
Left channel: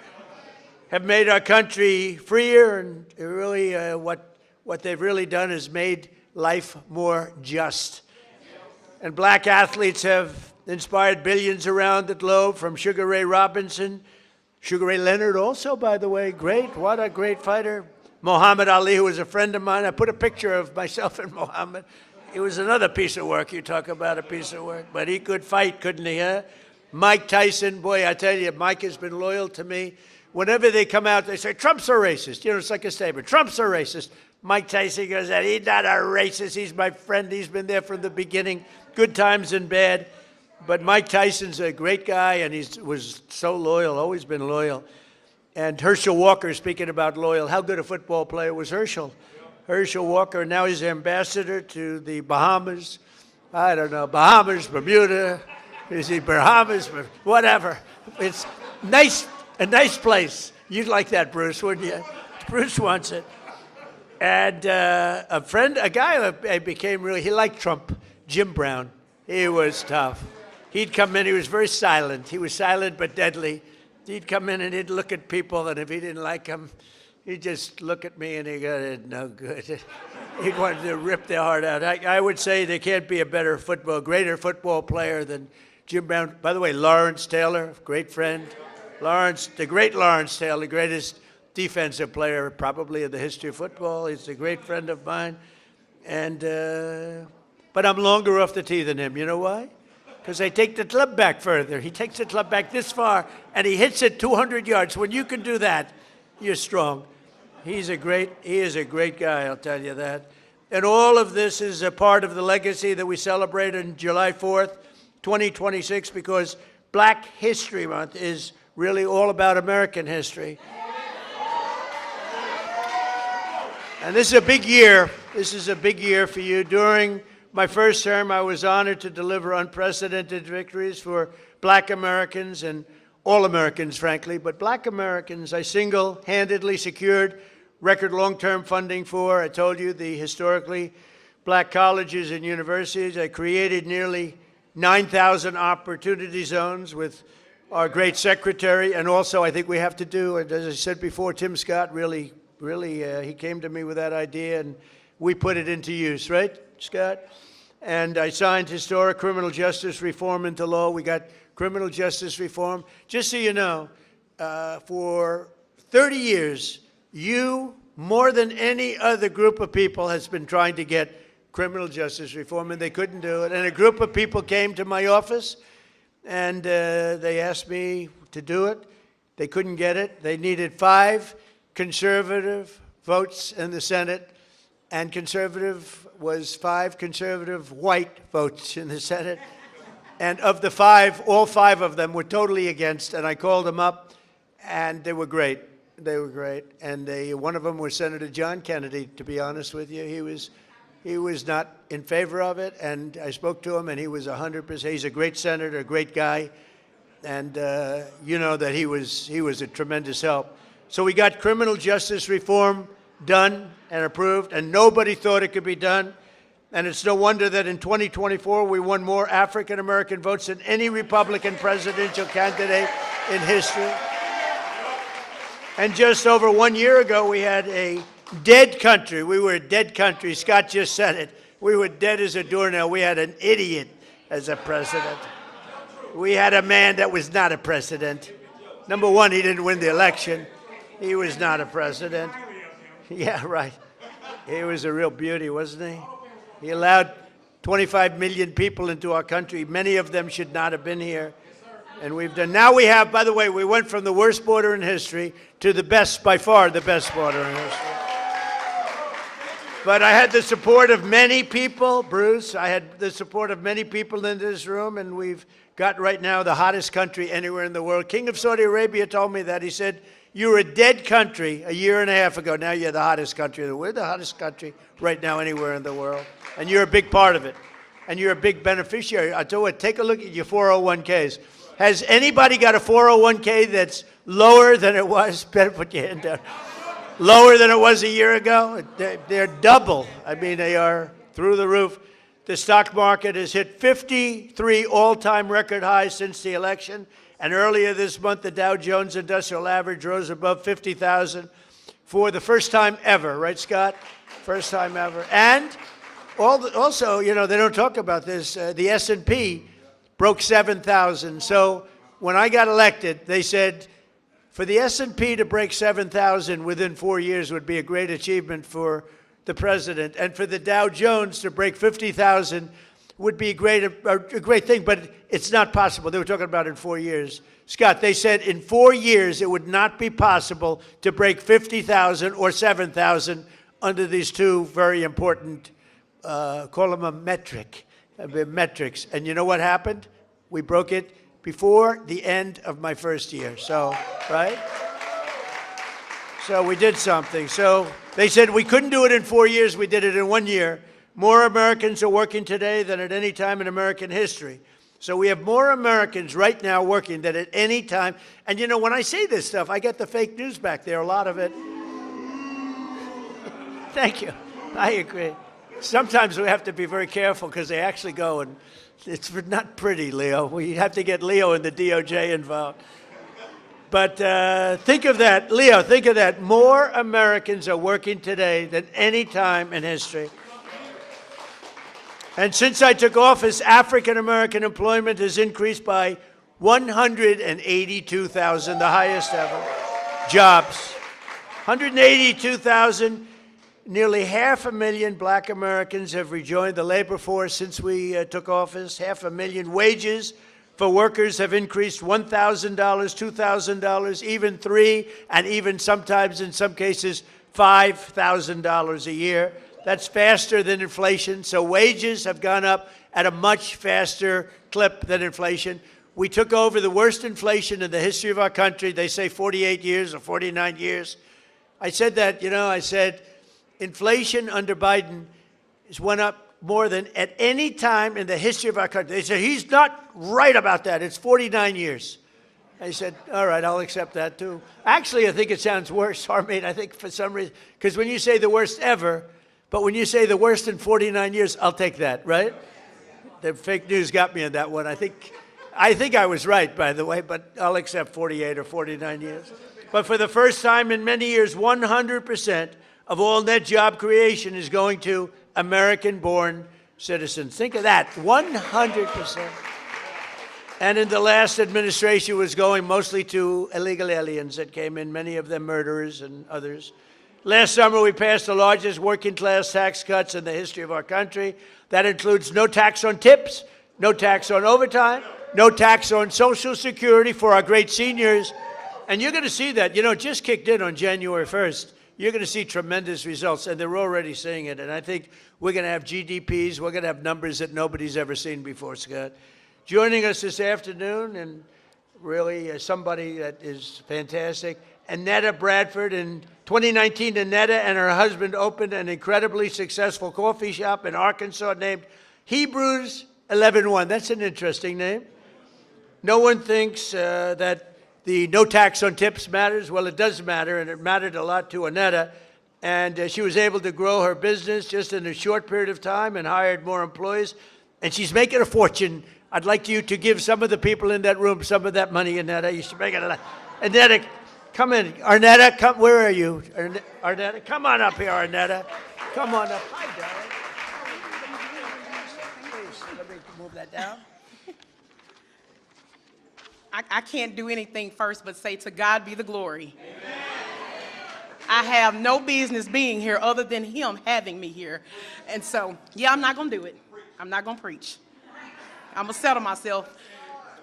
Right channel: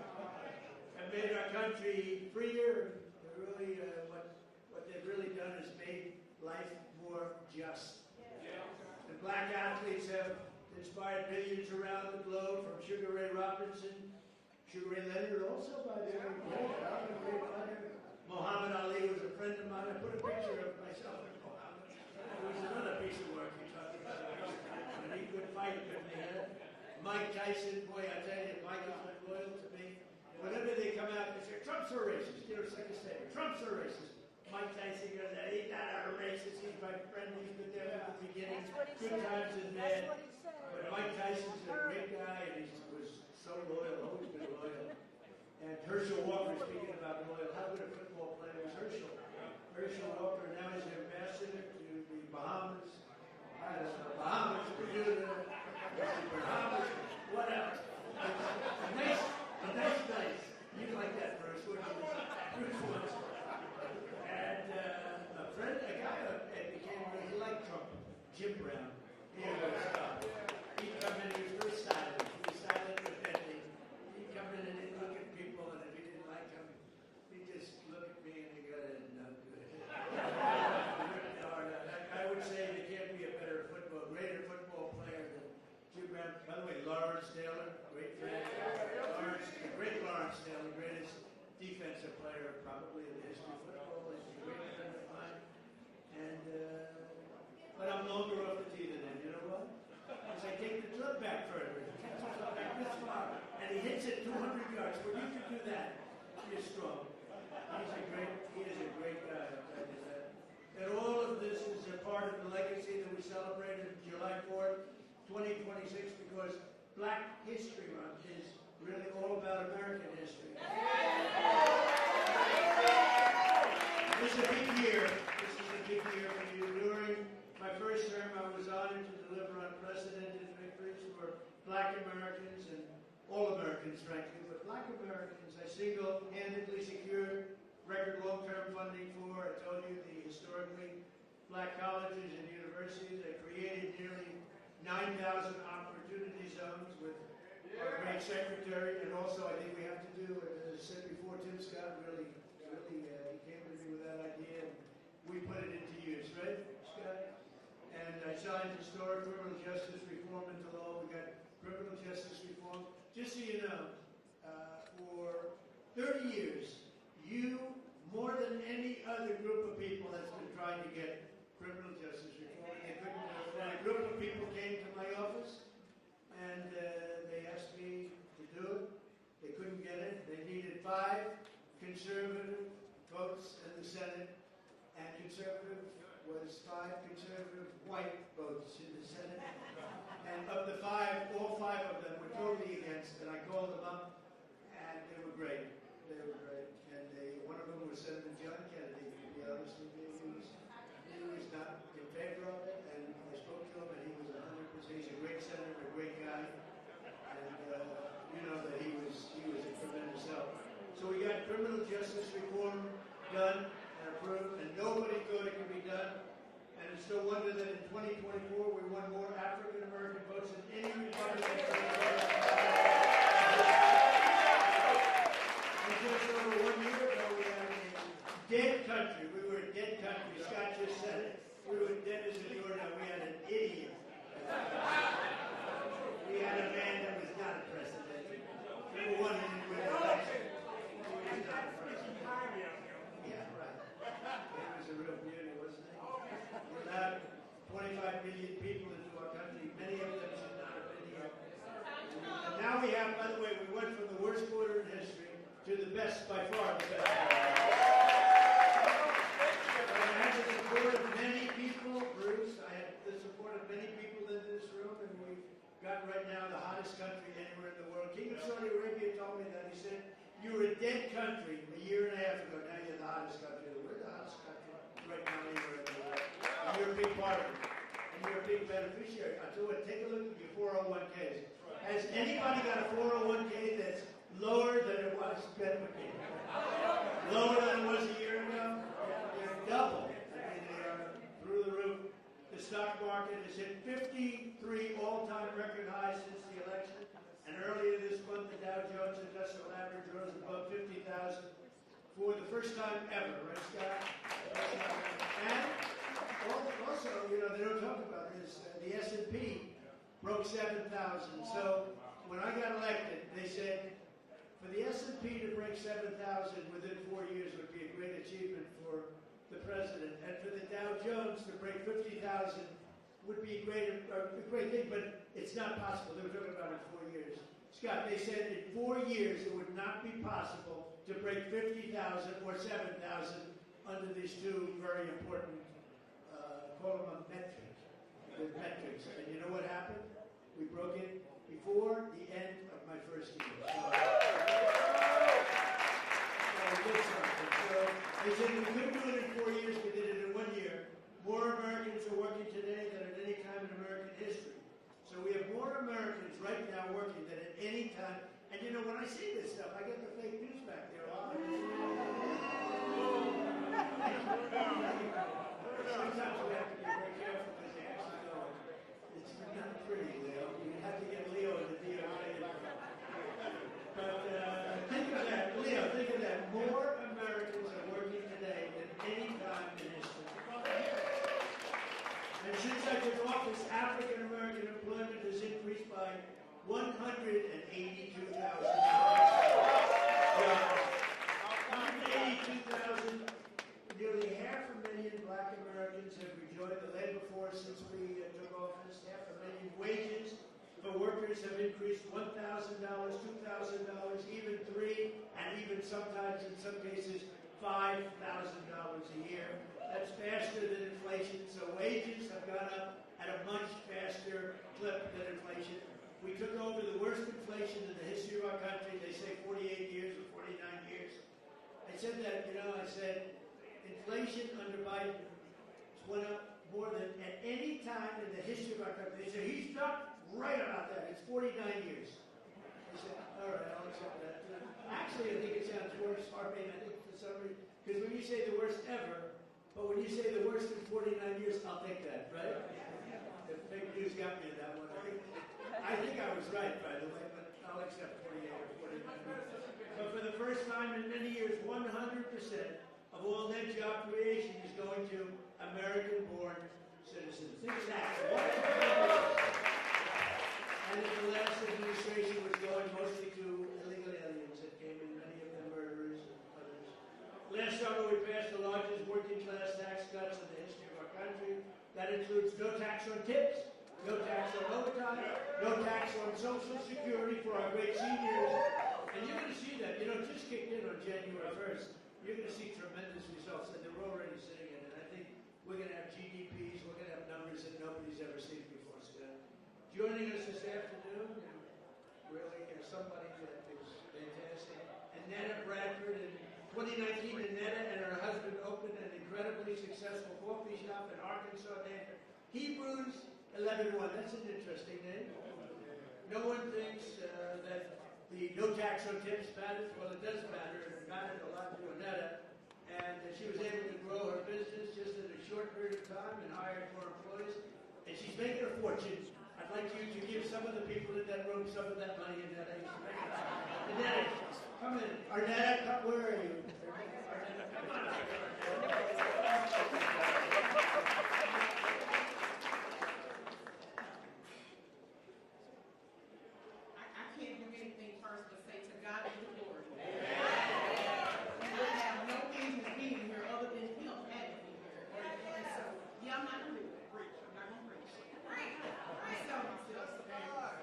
have made our country freer, and really what they've really done is made life more just. And black athletes have inspired billions around the globe, from Sugar Ray Robinson, Sugar Ray Leonard also, by the way, great, what a great fighter. Muhammad Ali, who was a friend of mine. I put a picture of myself and Muhammad. It was another piece of work. You talk about a piece of work. But he could fight, couldn't he, huh? Mike Tyson, boy, I tell you, Mike has been loyal to me. Whenever they come out, they say, Trump's a racist. You know, it's like a statement. Trump's a racist. Mike Tyson goes, he's not a racist. He's my friend. He's been there from the beginning, good times and bad. But Mike Tyson's a great guy, and he was so loyal, always been loyal. And Herschel Walker, speaking about loyal, how good a football player was Herschel? Herschel Walker, now he's ambassador to the Bahamas. I don't know, Bahamas, Bermuda, is he Bahamas, whatever. It's nice, a nice place. You'd like that, Bruce, wouldn't you? Bruce wants it. And a guy I became really, he liked Trump, Jim Brown. He was tough. He'd come in, he was very silent. He was silent but deadly. He'd come in and he'd look at people, and if he didn't like them, he'd just look at me and he'd go, no good. He wanted to rip their heart out. I would say there can't be a greater football player than Jim Brown. By the way, Lawrence Taylor, great friend. The great Lawrence Taylor, the greatest defensive player probably in the history of football. He's a great friend of mine. But I'm longer off the tee than him. You know why? Because I take the club back further. He takes the club back this far, and he hits it 200 yards. When you can do that, you're strong. He is a great guy, I'll tell you that. And all of this is a part of the legacy that we celebrate on July 4th, 2026, because Black History Month is really all about American history. And this is a big year. This is a big year for you. During my first term, I was honored to deliver unprecedented victories for black Americans and all Americans, frankly, but black Americans I single-handedly secured record long-term funding for. I told you, the historically black colleges and universities. I created nearly 9,000 opportunity zones with our great secretary, and also I think we have to do, as I said before, Tim Scott really, he came to me with that idea, and we put it into use, right, Scott? And I signed historic criminal justice reform into law. We got criminal justice reform. Just so you know, for 30 years, you, more than any other group of people, has been trying to get criminal justice reform, and they couldn't do it. And a group of people came to my office, and they asked me to do it. They couldn't get it. They needed 5 conservative votes in the Senate, and conservative was 5 conservative white votes in the Senate. And of the 5, all 5 of them were totally against, and I called them up, and they were great. They were great. And one of them was Senator John Kennedy, to be honest with you. He was not in favor of it, and I spoke to him, and he was 100%. He's a great senator, a great guy, and you know that he was a tremendous help. So we got criminal justice reform done and approved, and nobody thought it could be done. And it's no wonder that in 2024, we won more African-American votes than any Republican presidential candidate in history. And just over 1 year ago, we had a dead country. We were a dead country. Scott just said it. We were dead as a doornail. We had an idiot as a president. We had a man that was not a president. Number one, he didn't win the election. He was not a president. Yeah, right. He was a real beauty, wasn't he? He allowed 25 million people into our country. Many of them should not have been here. And now we have, by the way, we went from the worst border in history to the best, by far the best border in history. But I had the support of many people, Bruce. I had the support of many people in this room, and we've got right now the hottest country anywhere in the world. King of Saudi Arabia told me that. He said, You were a dead country a year and a half ago. Now you're the hottest country in the world. We're the hottest country right now anywhere in the world. And you're a big part of it. And you're a big beneficiary. I tell you what, take a look at your 401ks. Has anybody got a 401k that's lower than it was? Better put your hand down. Lower than it was a year ago? They're double. I mean, they are through the roof. The stock market has hit 53 all-time record highs since the election. And earlier this month, the Dow Jones Industrial Average rose above 50,000 for the first time ever. Right, Scott? First time ever. And also, you know, they don't talk about this. The S&P broke 7,000. So when I got elected, they said, for the S&P to break 7,000 within 4 years would be a great achievement for the president. And for the Dow Jones to break 50,000 would be a great thing, but it's not possible. They were talking about in 4 years. Scott, they said in 4 years it would not be possible to break 50,000 or 7,000 under these two very important, call them a metrics. And you know what happened? We broke it before the end of my first year. So, right? So we did something. So they said we couldn't do it in 4 years. We did it in 1 year. More Americans are working today than at any time in American history. So we have more Americans right now working than at any time. And you know, when I say this stuff, I get the fake news back there, a lot of it. Thank you. I agree. Sometimes we have to be very careful because they actually go, and it's not pretty, Leo. We have to get Leo and the DOJ involved. But think of that. Leo, think of that. More Americans are working today than any time in history. And since I took office, African-American employment has increased by 182,000, the highest ever. Jobs. 182,000. Nearly 500,000 black Americans have rejoined the labor force since we took office. 500,000 wages for workers have increased $1,000, $2,000, even $3,000, and even sometimes, in some cases, $5,000 a year. That's faster than inflation. So wages have gone up at a much faster clip than inflation. We took over the worst inflation in the history of our country. They say 48 years or 49 years. I said that, you know, I said inflation under Biden has went up more than at any time in the history of our country. They said, he's not right about that. It's 49 years. I said, all right, I'll accept that too. Actually, I think it sounds worse, Harmeet. I think for some reason, because when you say the worst ever, but when you say the worst in 49 years, I'll take that, right? The fake news got me on that one. I think I was right, by the way, but I'll accept 48 or 49 years. But for the first time in many years, 100% of all net job creation is going to American-born citizens. Think of that, 100%. And in the last administration, it was going mostly to illegal aliens that came in, many of them murderers and others. Last summer, we passed the largest working-class tax cuts in the history of our country. That includes no tax on tips, no tax on overtime, no tax on Social Security for our great seniors. And you're going to see that. You know, it just kicked in on January 1st. You're going to see tremendous results, and they're already seeing it. And I think we're going to have GDPs. We're going to have numbers that nobody's ever seen before, Scott. Joining us this afternoon, and really somebody that is fantastic, Annetta Bradford. In 2019, Annetta and her husband opened an incredibly successful coffee shop in Arkansas named Hebrews 11:1. That's an interesting name. No one thinks that the no tax on tips matters. Well, it does matter, and it mattered a lot to Annetta. And she was able to grow her business just in a short period of time and hired more employees. And she's making a fortune. I'd like you to give some of the people in that room some of that money, Annetta. You should make it a lot. Annetta, come in. Arnetta, come. Where are you? Arnetta, come on up here, Arnetta. Come on up. Hi, darling. Please, let me move that down. I can't do anything first but say to God be the glory. Amen. I have no business being here other than him having me here. And so, yeah, I'm not going to do it. I'm not going to preach. I'm going to settle myself.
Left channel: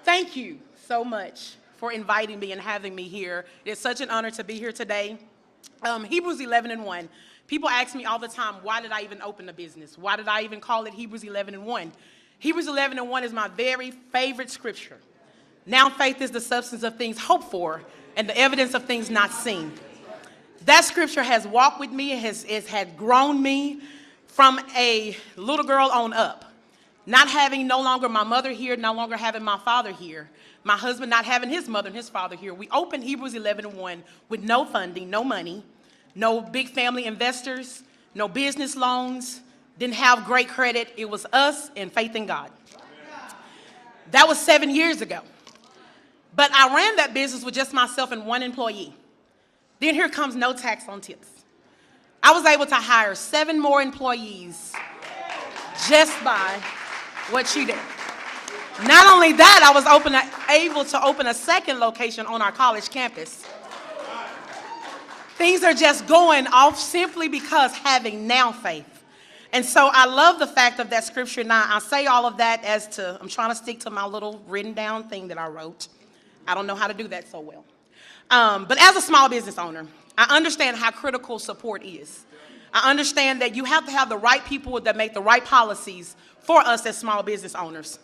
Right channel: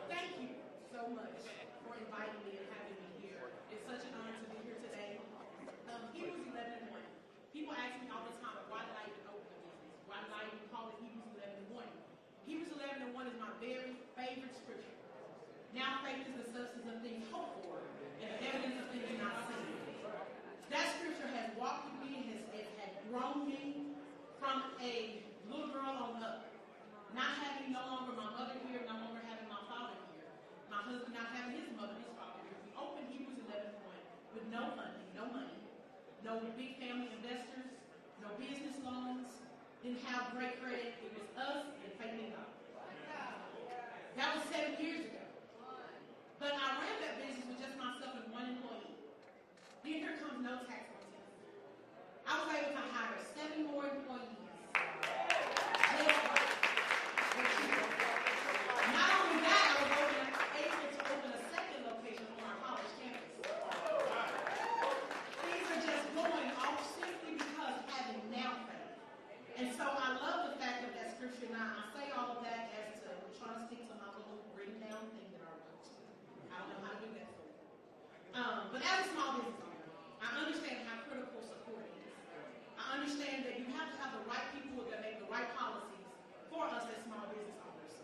Thank you so much for inviting me and having me here. It's such an honor to be here today. Hebrews 11:1. People ask me all the time, why did I even open a business? Why did I even call it Hebrews 11:1? Hebrews 11:1 is my very favorite scripture. Now faith is the substance of things hoped for, and the evidence of things not seen. That scripture has walked with me, it had grown me from a little girl on up. Not having no longer my mother here, no longer having my father here, my husband not having his mother and his father here. We opened Hebrews 11:1 with no funding, no money, no big family investors, no business loans, didn't have great credit. It was us and faith in God. That was 7 years ago. But I ran that business with just myself and one employee. Then here comes no tax on tips. I was able to hire 7 more employees just by what she did. Not only that, I was able to open a second location on our college campus. Things are just going off simply because having now faith. And so I love the fact of that scripture. Now, I say all of that I'm trying to stick to my little written down thing that I wrote. I don't know how to do that so well. But as a small business owner, I understand how critical support is. I understand that you have to have the right people that make the right policies for us as small business owners.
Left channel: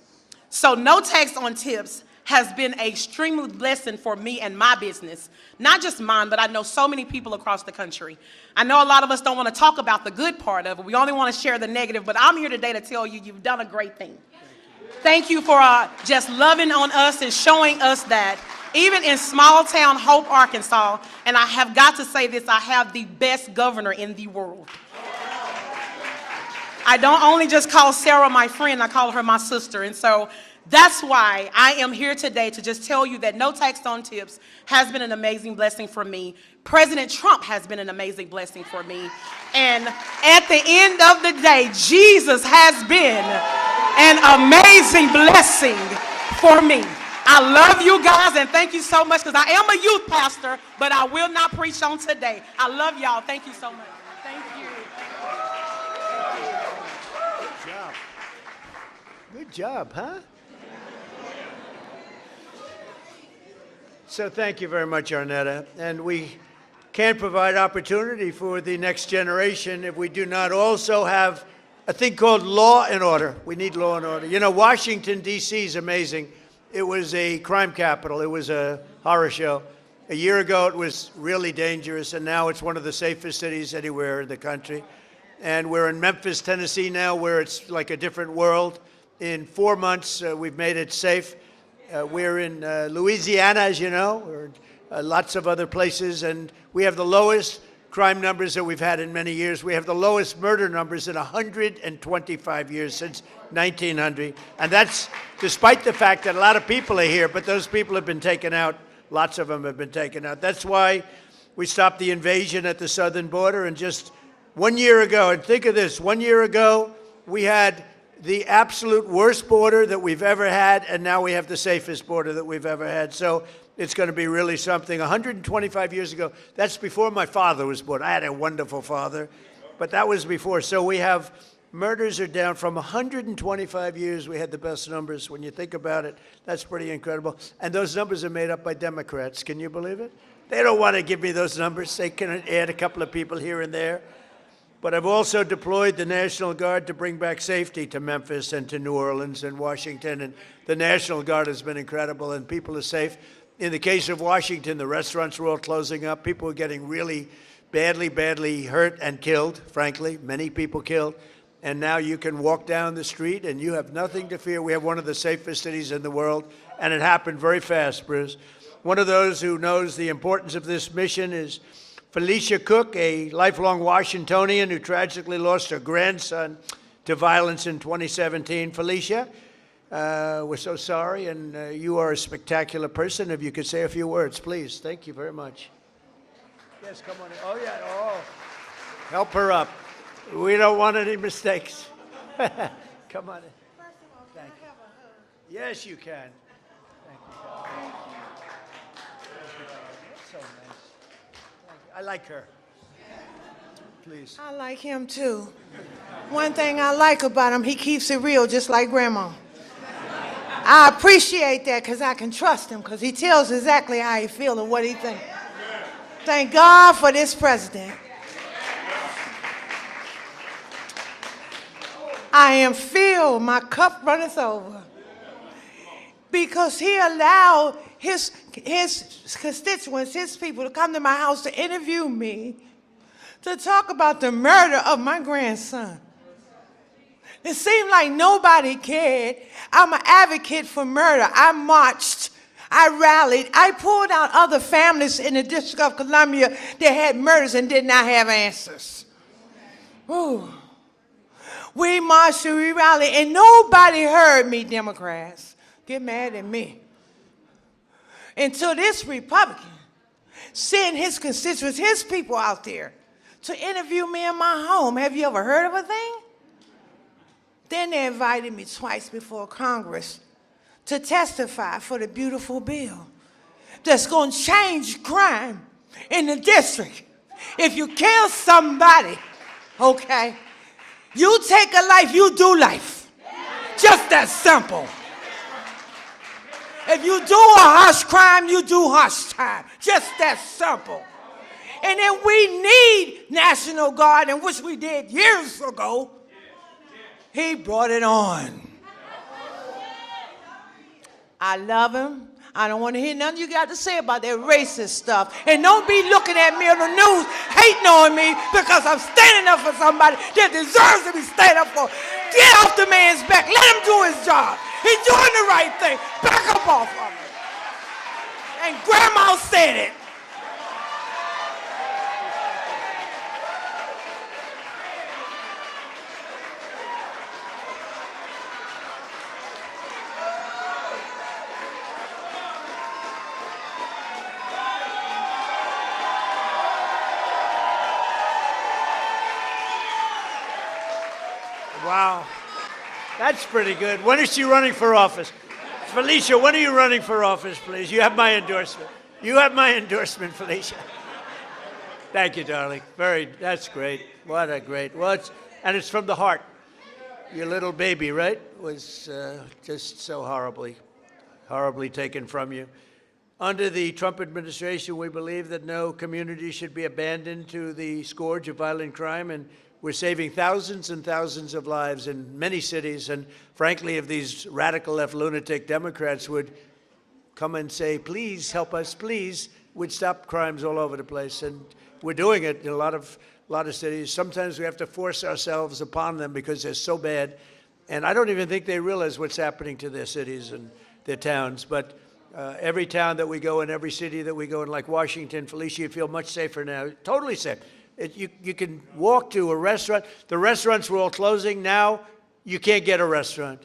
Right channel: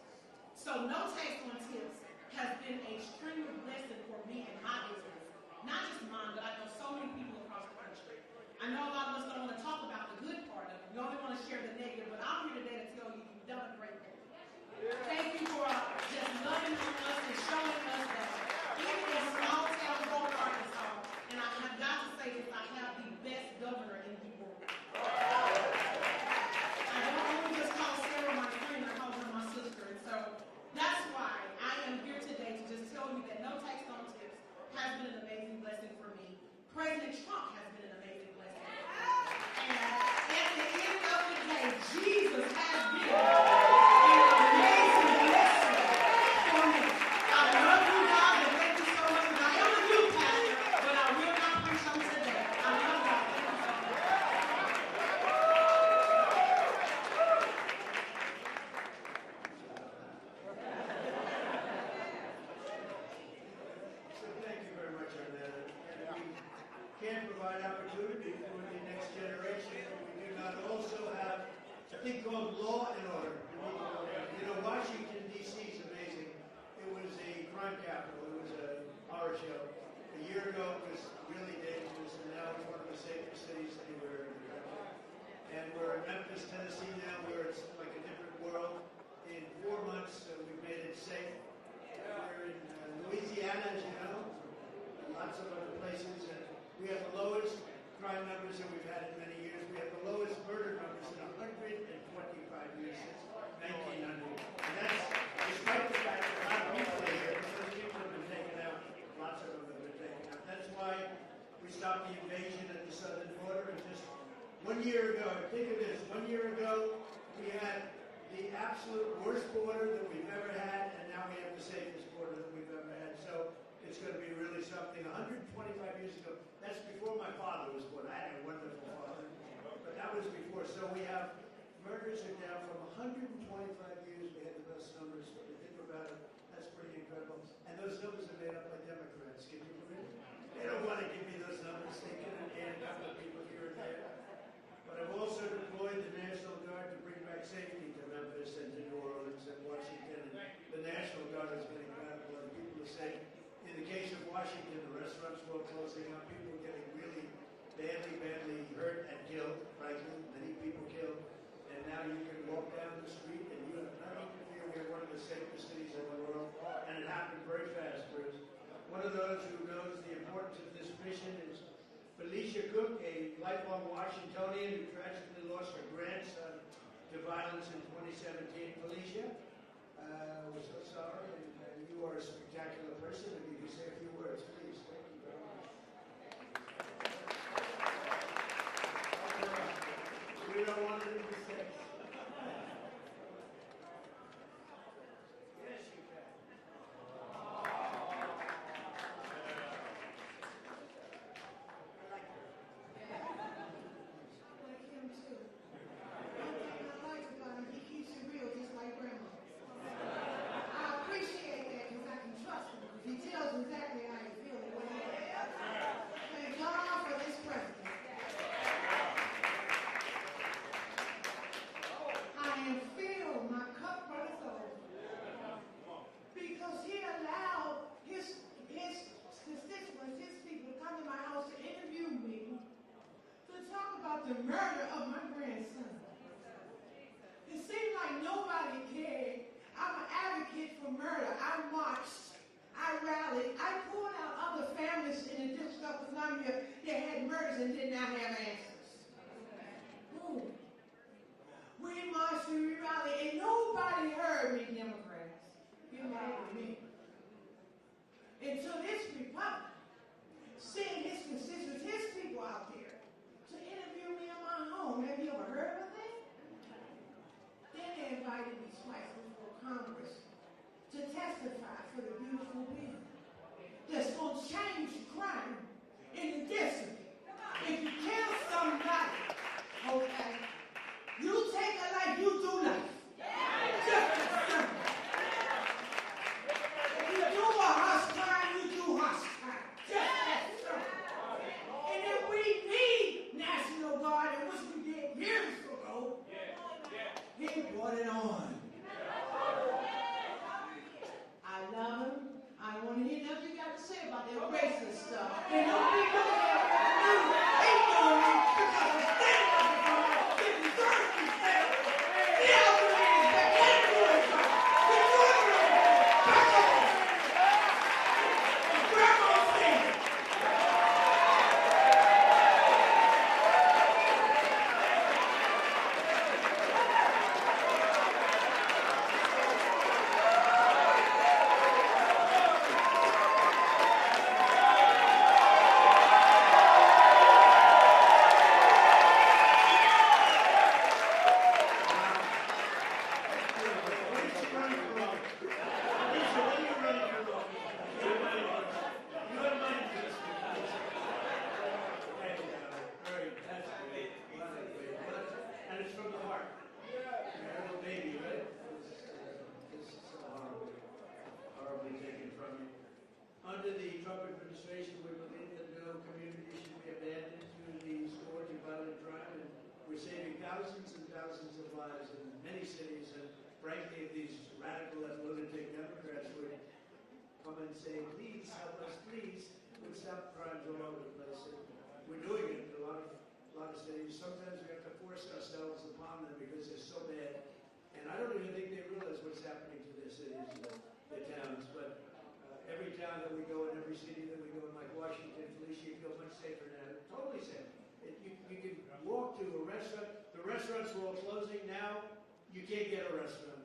So no tax on tips has been an extreme blessing for me and my business. Not just mine, but I know so many people across the country. I know a lot of us don't want to talk about the good part of it. We only want to share the negative, but I'm here today to tell you you've done a great thing. Thank you for just loving on us and showing us that even in small town Hope, Arkansas, and I have got to say this, I have the best governor in the world. I don't only just call Sarah my friend, I call her my sister. And so that's why I am here today to just tell you that no tax on tips has been an amazing blessing for me. President Trump has been an amazing blessing for me. And at the end of the day, Jesus has been an amazing blessing for me. I love you guys and thank you so much because I am a youth pastor, but I will not preach on today. I love y'all. Thank you so much. Good job, huh? So thank you very much, Arnetta. And we can't provide opportunity for the next generation if we do not also have a thing called law and order. We need law and order. You know, Washington, D.C. is amazing. It was a crime capital. It was a horror show. A year ago, it was really dangerous, and now it's one of the safest cities anywhere in the country. And we're in Memphis, Tennessee now, where it's like a different world. In 4 months, we've made it safe. We're in Louisiana, as you know. We're in lots of other places, and we have the lowest crime numbers that we've had in many years. We have the lowest murder numbers in 125 years, since 1900. And that's despite the fact that a lot of people are here, but those people have been taken out. Lots of them have been taken out. That's why we stopped the invasion at the southern border. And just 1 year ago, and think of this, 1 year ago, we had the absolute worst border that we've ever had, and now we have the safest border that we've ever had. So it's going to be really something. 125 years ago, that's before my father was born. I had a wonderful father, but that was before. So we have, murders are down from 125 years. We had the best numbers. When you think about it, that's pretty incredible. And those numbers are made up by Democrats. Can you believe it? They don't want to give me those numbers. They can add a couple of people here and there. But I've also deployed the National Guard to bring back safety to Memphis and to New Orleans and Washington. And the National Guard has been incredible, and people are safe. In the case of Washington, the restaurants were all closing up. People were getting really badly hurt and killed, frankly, many people killed. And now you can walk down the street and you have nothing to fear. We have one of the safest cities in the world, and it happened very fast, Bruce. One of those who knows the importance of this mission is Felicia Cook, a lifelong Washingtonian who tragically lost her grandson to violence in 2017. Felicia, we're so sorry, and you are a spectacular person. If you could say a few words, please. Thank you very much. Yes, come on. Oh, yeah. Oh. Help her up. We don't want any mistakes. Come on in. Thank you. Yes, you can. Thank you. So nice. I like her. Please. I like him too. One thing I like about him, he keeps it real just like Grandma. I appreciate that because I can trust him because he tells exactly how he feels and what he thinks. Thank God for this president. I am filled, my cup runneth over. Because he allowed his constituents, his people, to come to my house to interview me, to talk about the murder of my grandson. It seemed like nobody cared. I'm an advocate for murder. I marched. I rallied. I pulled out other families in the District of Columbia that had murders and did not have answers. Ooh. We marched and we rallied, and nobody heard me, Democrats. Get mad at me. Until this Republican sent his constituents, his people out there to interview me in my home. Have you ever heard of a thing? Then they invited me twice before Congress to testify for the beautiful bill that's going to change crime in the district. If you kill somebody, okay, you take a life, you do life. Just that simple. If you do a harsh crime, you do harsh time. Just that simple. And then we need National Guard, and which we did years ago. He brought it on. I love him. I don't want to hear nothing you got to say about that racist stuff. And don't be looking at me on the news hating on me because I'm standing up for somebody that deserves to be stand up for. Get off the man's back. Let him do his job. He's doing the right thing. Back up off him. And Grandma said it. Wow. That's pretty good. When is she running for office? Felicia, when are you running for office, please? You have my endorsement. You have my endorsement, Felicia. Thank you, darling. That's great. What a great, and it's from the heart. Your little baby, right, was just so horribly taken from you. Under the Trump administration, we believe that no community should be abandoned to the scourge of violent crime, and we're saving thousands and thousands of lives in many cities. And frankly, if these radical left lunatic Democrats would come and say, please help us, please, we'd stop crimes all over the place. And we're doing it in a lot of cities. Sometimes we have to force ourselves upon them because they're so bad. And I don't even think they realize what's happening to their cities and their towns. But every town that we go in, every city that we go in, like Washington, Felicia, you feel much safer now, totally safe. You can walk to a restaurant. The restaurants were all closing. Now you can't get a restaurant.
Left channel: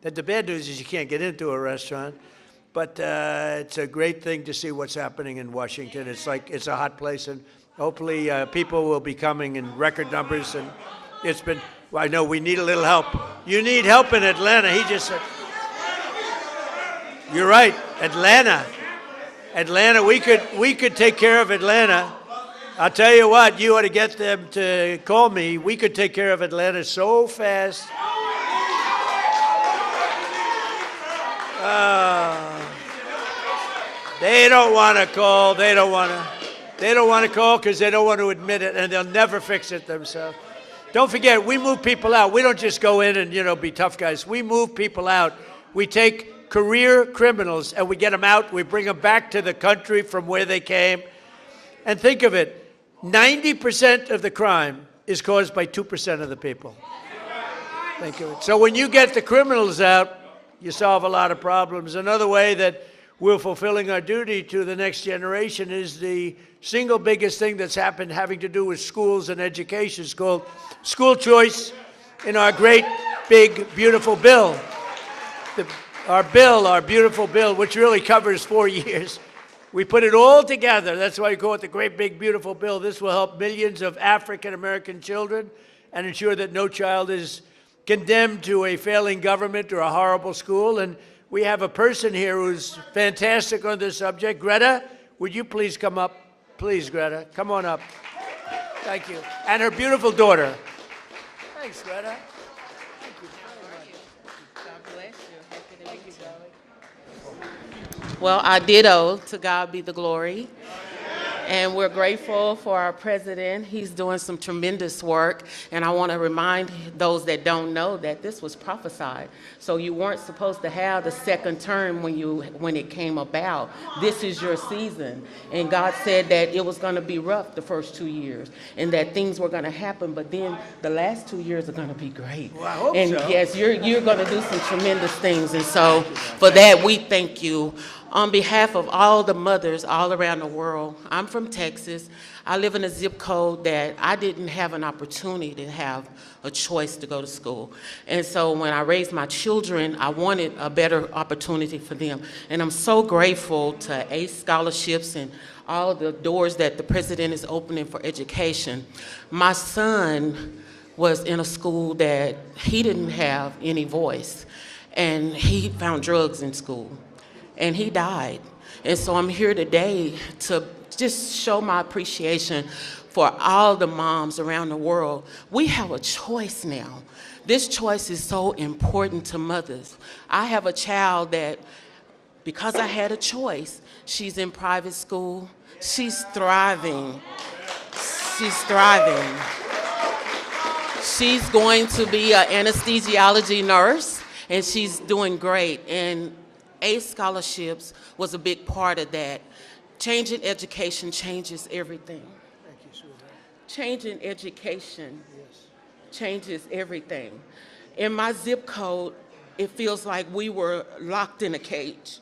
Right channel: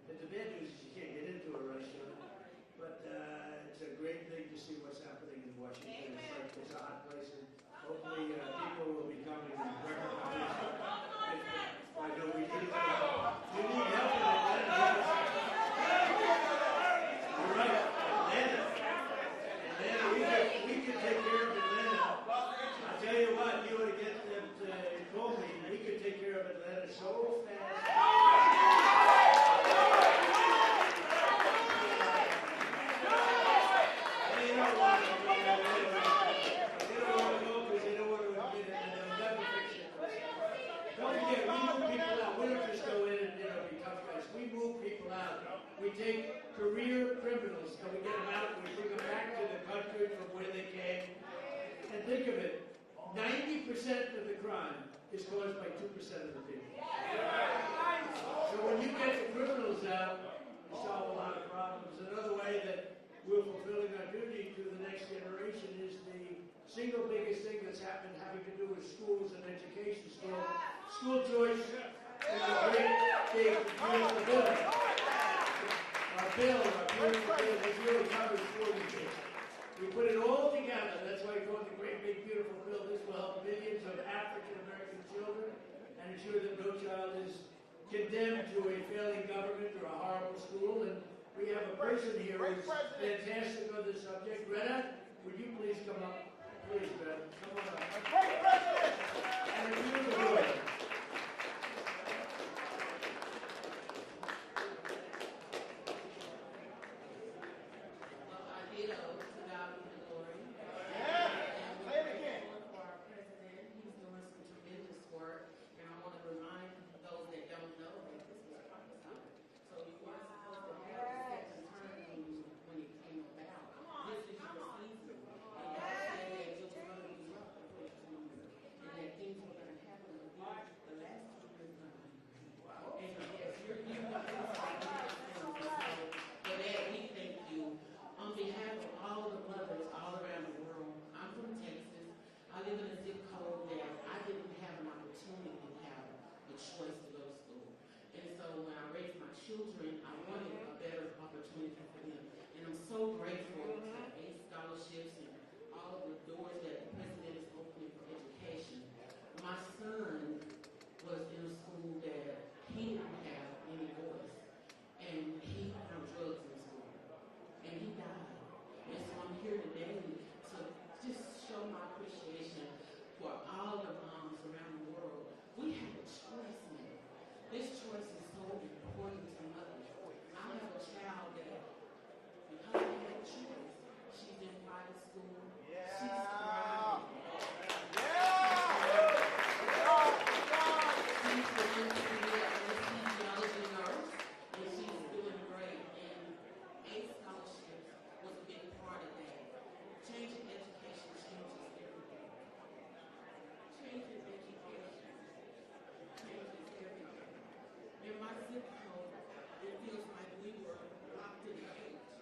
The bad news is you can't get into a restaurant. But it's a great thing to see what's happening in Washington. It's like it's a hot place, and hopefully people will be coming in record numbers. And it's been, well, I know we need a little help. You need help in Atlanta. He just said, you're right, Atlanta, we could take care of Atlanta. I'll tell you what, you ought to get them to call me. We could take care of Atlanta so fast. They don't want to call. They don't want to call because they don't want to admit it, and they'll never fix it themselves. Don't forget, we move people out. We don't just go in and, be tough guys. We move people out. We take career criminals and we get them out. We bring them back to the country from where they came. And think of it. 90% of the crime is caused by 2% of the people. Think of it. So when you get the criminals out, you solve a lot of problems. Another way that we're fulfilling our duty to the next generation is the single biggest thing that's happened having to do with schools and education. It's called school choice in our great, big, beautiful bill. Our beautiful bill, which really covers 4 years. We put it all together. That's why we call it the great, big, beautiful bill. This will help millions of African-American children and ensure that no child is condemned to a failing government or a horrible school. And we have a person here who's fantastic on this subject. Greta, would you please come up? Please, Greta, come on up. Thank you. And her beautiful daughter. Thanks, Greta. Well, I ditto. To God be the glory. And we're grateful for our president. He's doing some tremendous work. And I want to remind those that don't know that this was prophesied. So you weren't supposed to have the second term when it came about. This is your season. And God said that it was going to be rough the first 2 years and that things were going to happen. But then the last 2 years are going to be great. Well, I hope and so. yes, you're going to do some tremendous things. And so for that, we thank you. On behalf of all the mothers all around the world, I'm from Texas. I live in a zip code that I didn't have an opportunity to have a choice to go to school. And so when I raised my children, I wanted a better opportunity for them. And I'm so grateful to ACE scholarships and all the doors that the president is opening for education. My son was in a school that he didn't have any voice, and he found drugs in school. And he died. And so I'm here today to just show my appreciation for all the moms around the world. We have a choice now. This choice is so important to mothers. I have a child that, because I had a choice, she's in private school. She's thriving. She's thriving. She's going to be an anesthesiology nurse, and she's doing great. And ACE scholarships was a big part of that. Changing education changes everything. Thank you, sweetheart. Changing education changes everything. In my zip code, it feels like we were locked in a cage,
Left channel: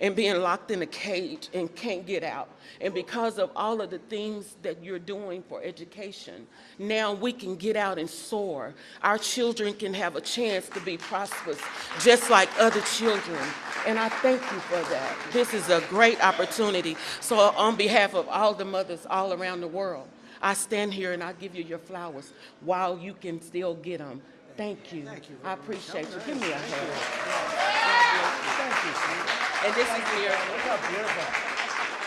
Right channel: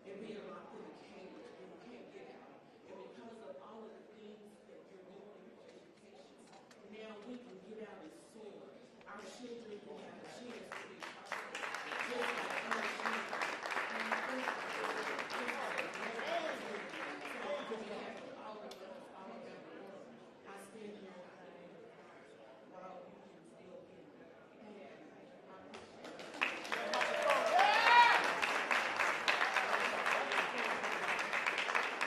and being locked in a cage and can't get out. And because of all of the things that you're doing for education, now we can get out and soar. Our children can have a chance to be prosperous, just like other children. And I thank you for that. This is a great opportunity. So on behalf of all the mothers all around the world, I stand here and I give you your flowers while you can still get them. Thank you. I appreciate you. Give me a hand. Thank you. And this is your. Look how beautiful.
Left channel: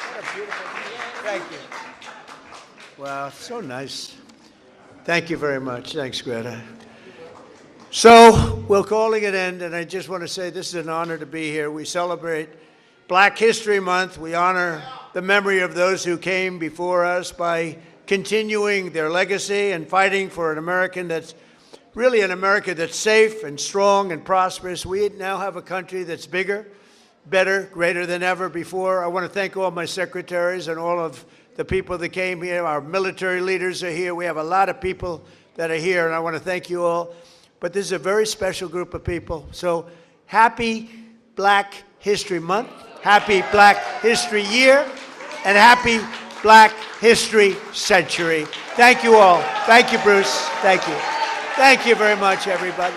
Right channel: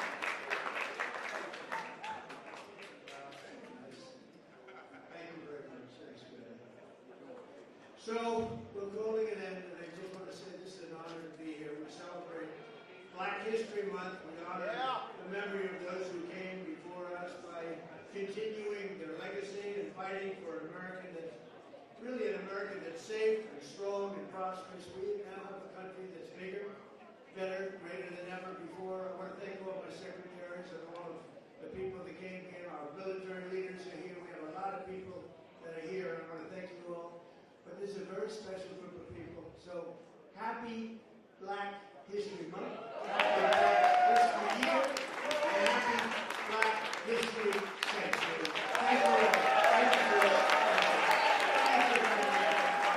What a beautiful. Thank you. Wow, so nice. Thank you very much. Thanks, Greta. So we're calling it end, and I just want to say this is an honor to be here. We celebrate Black History Month. We honor the memory of those who came before us by continuing their legacy and fighting for an American that's really an America that's safe and strong and prosperous. We now have a country that's bigger, better, greater than ever before. I want to thank all my secretaries and all of the people that came here. Our military leaders are here. We have a lot of people that are here, and I want to thank you all. But this is a very special group of people. So happy Black History Month, happy Black History Year, and happy Black History Century. Thank you all. Thank you, Bruce. Thank you. Thank you very much, everybody.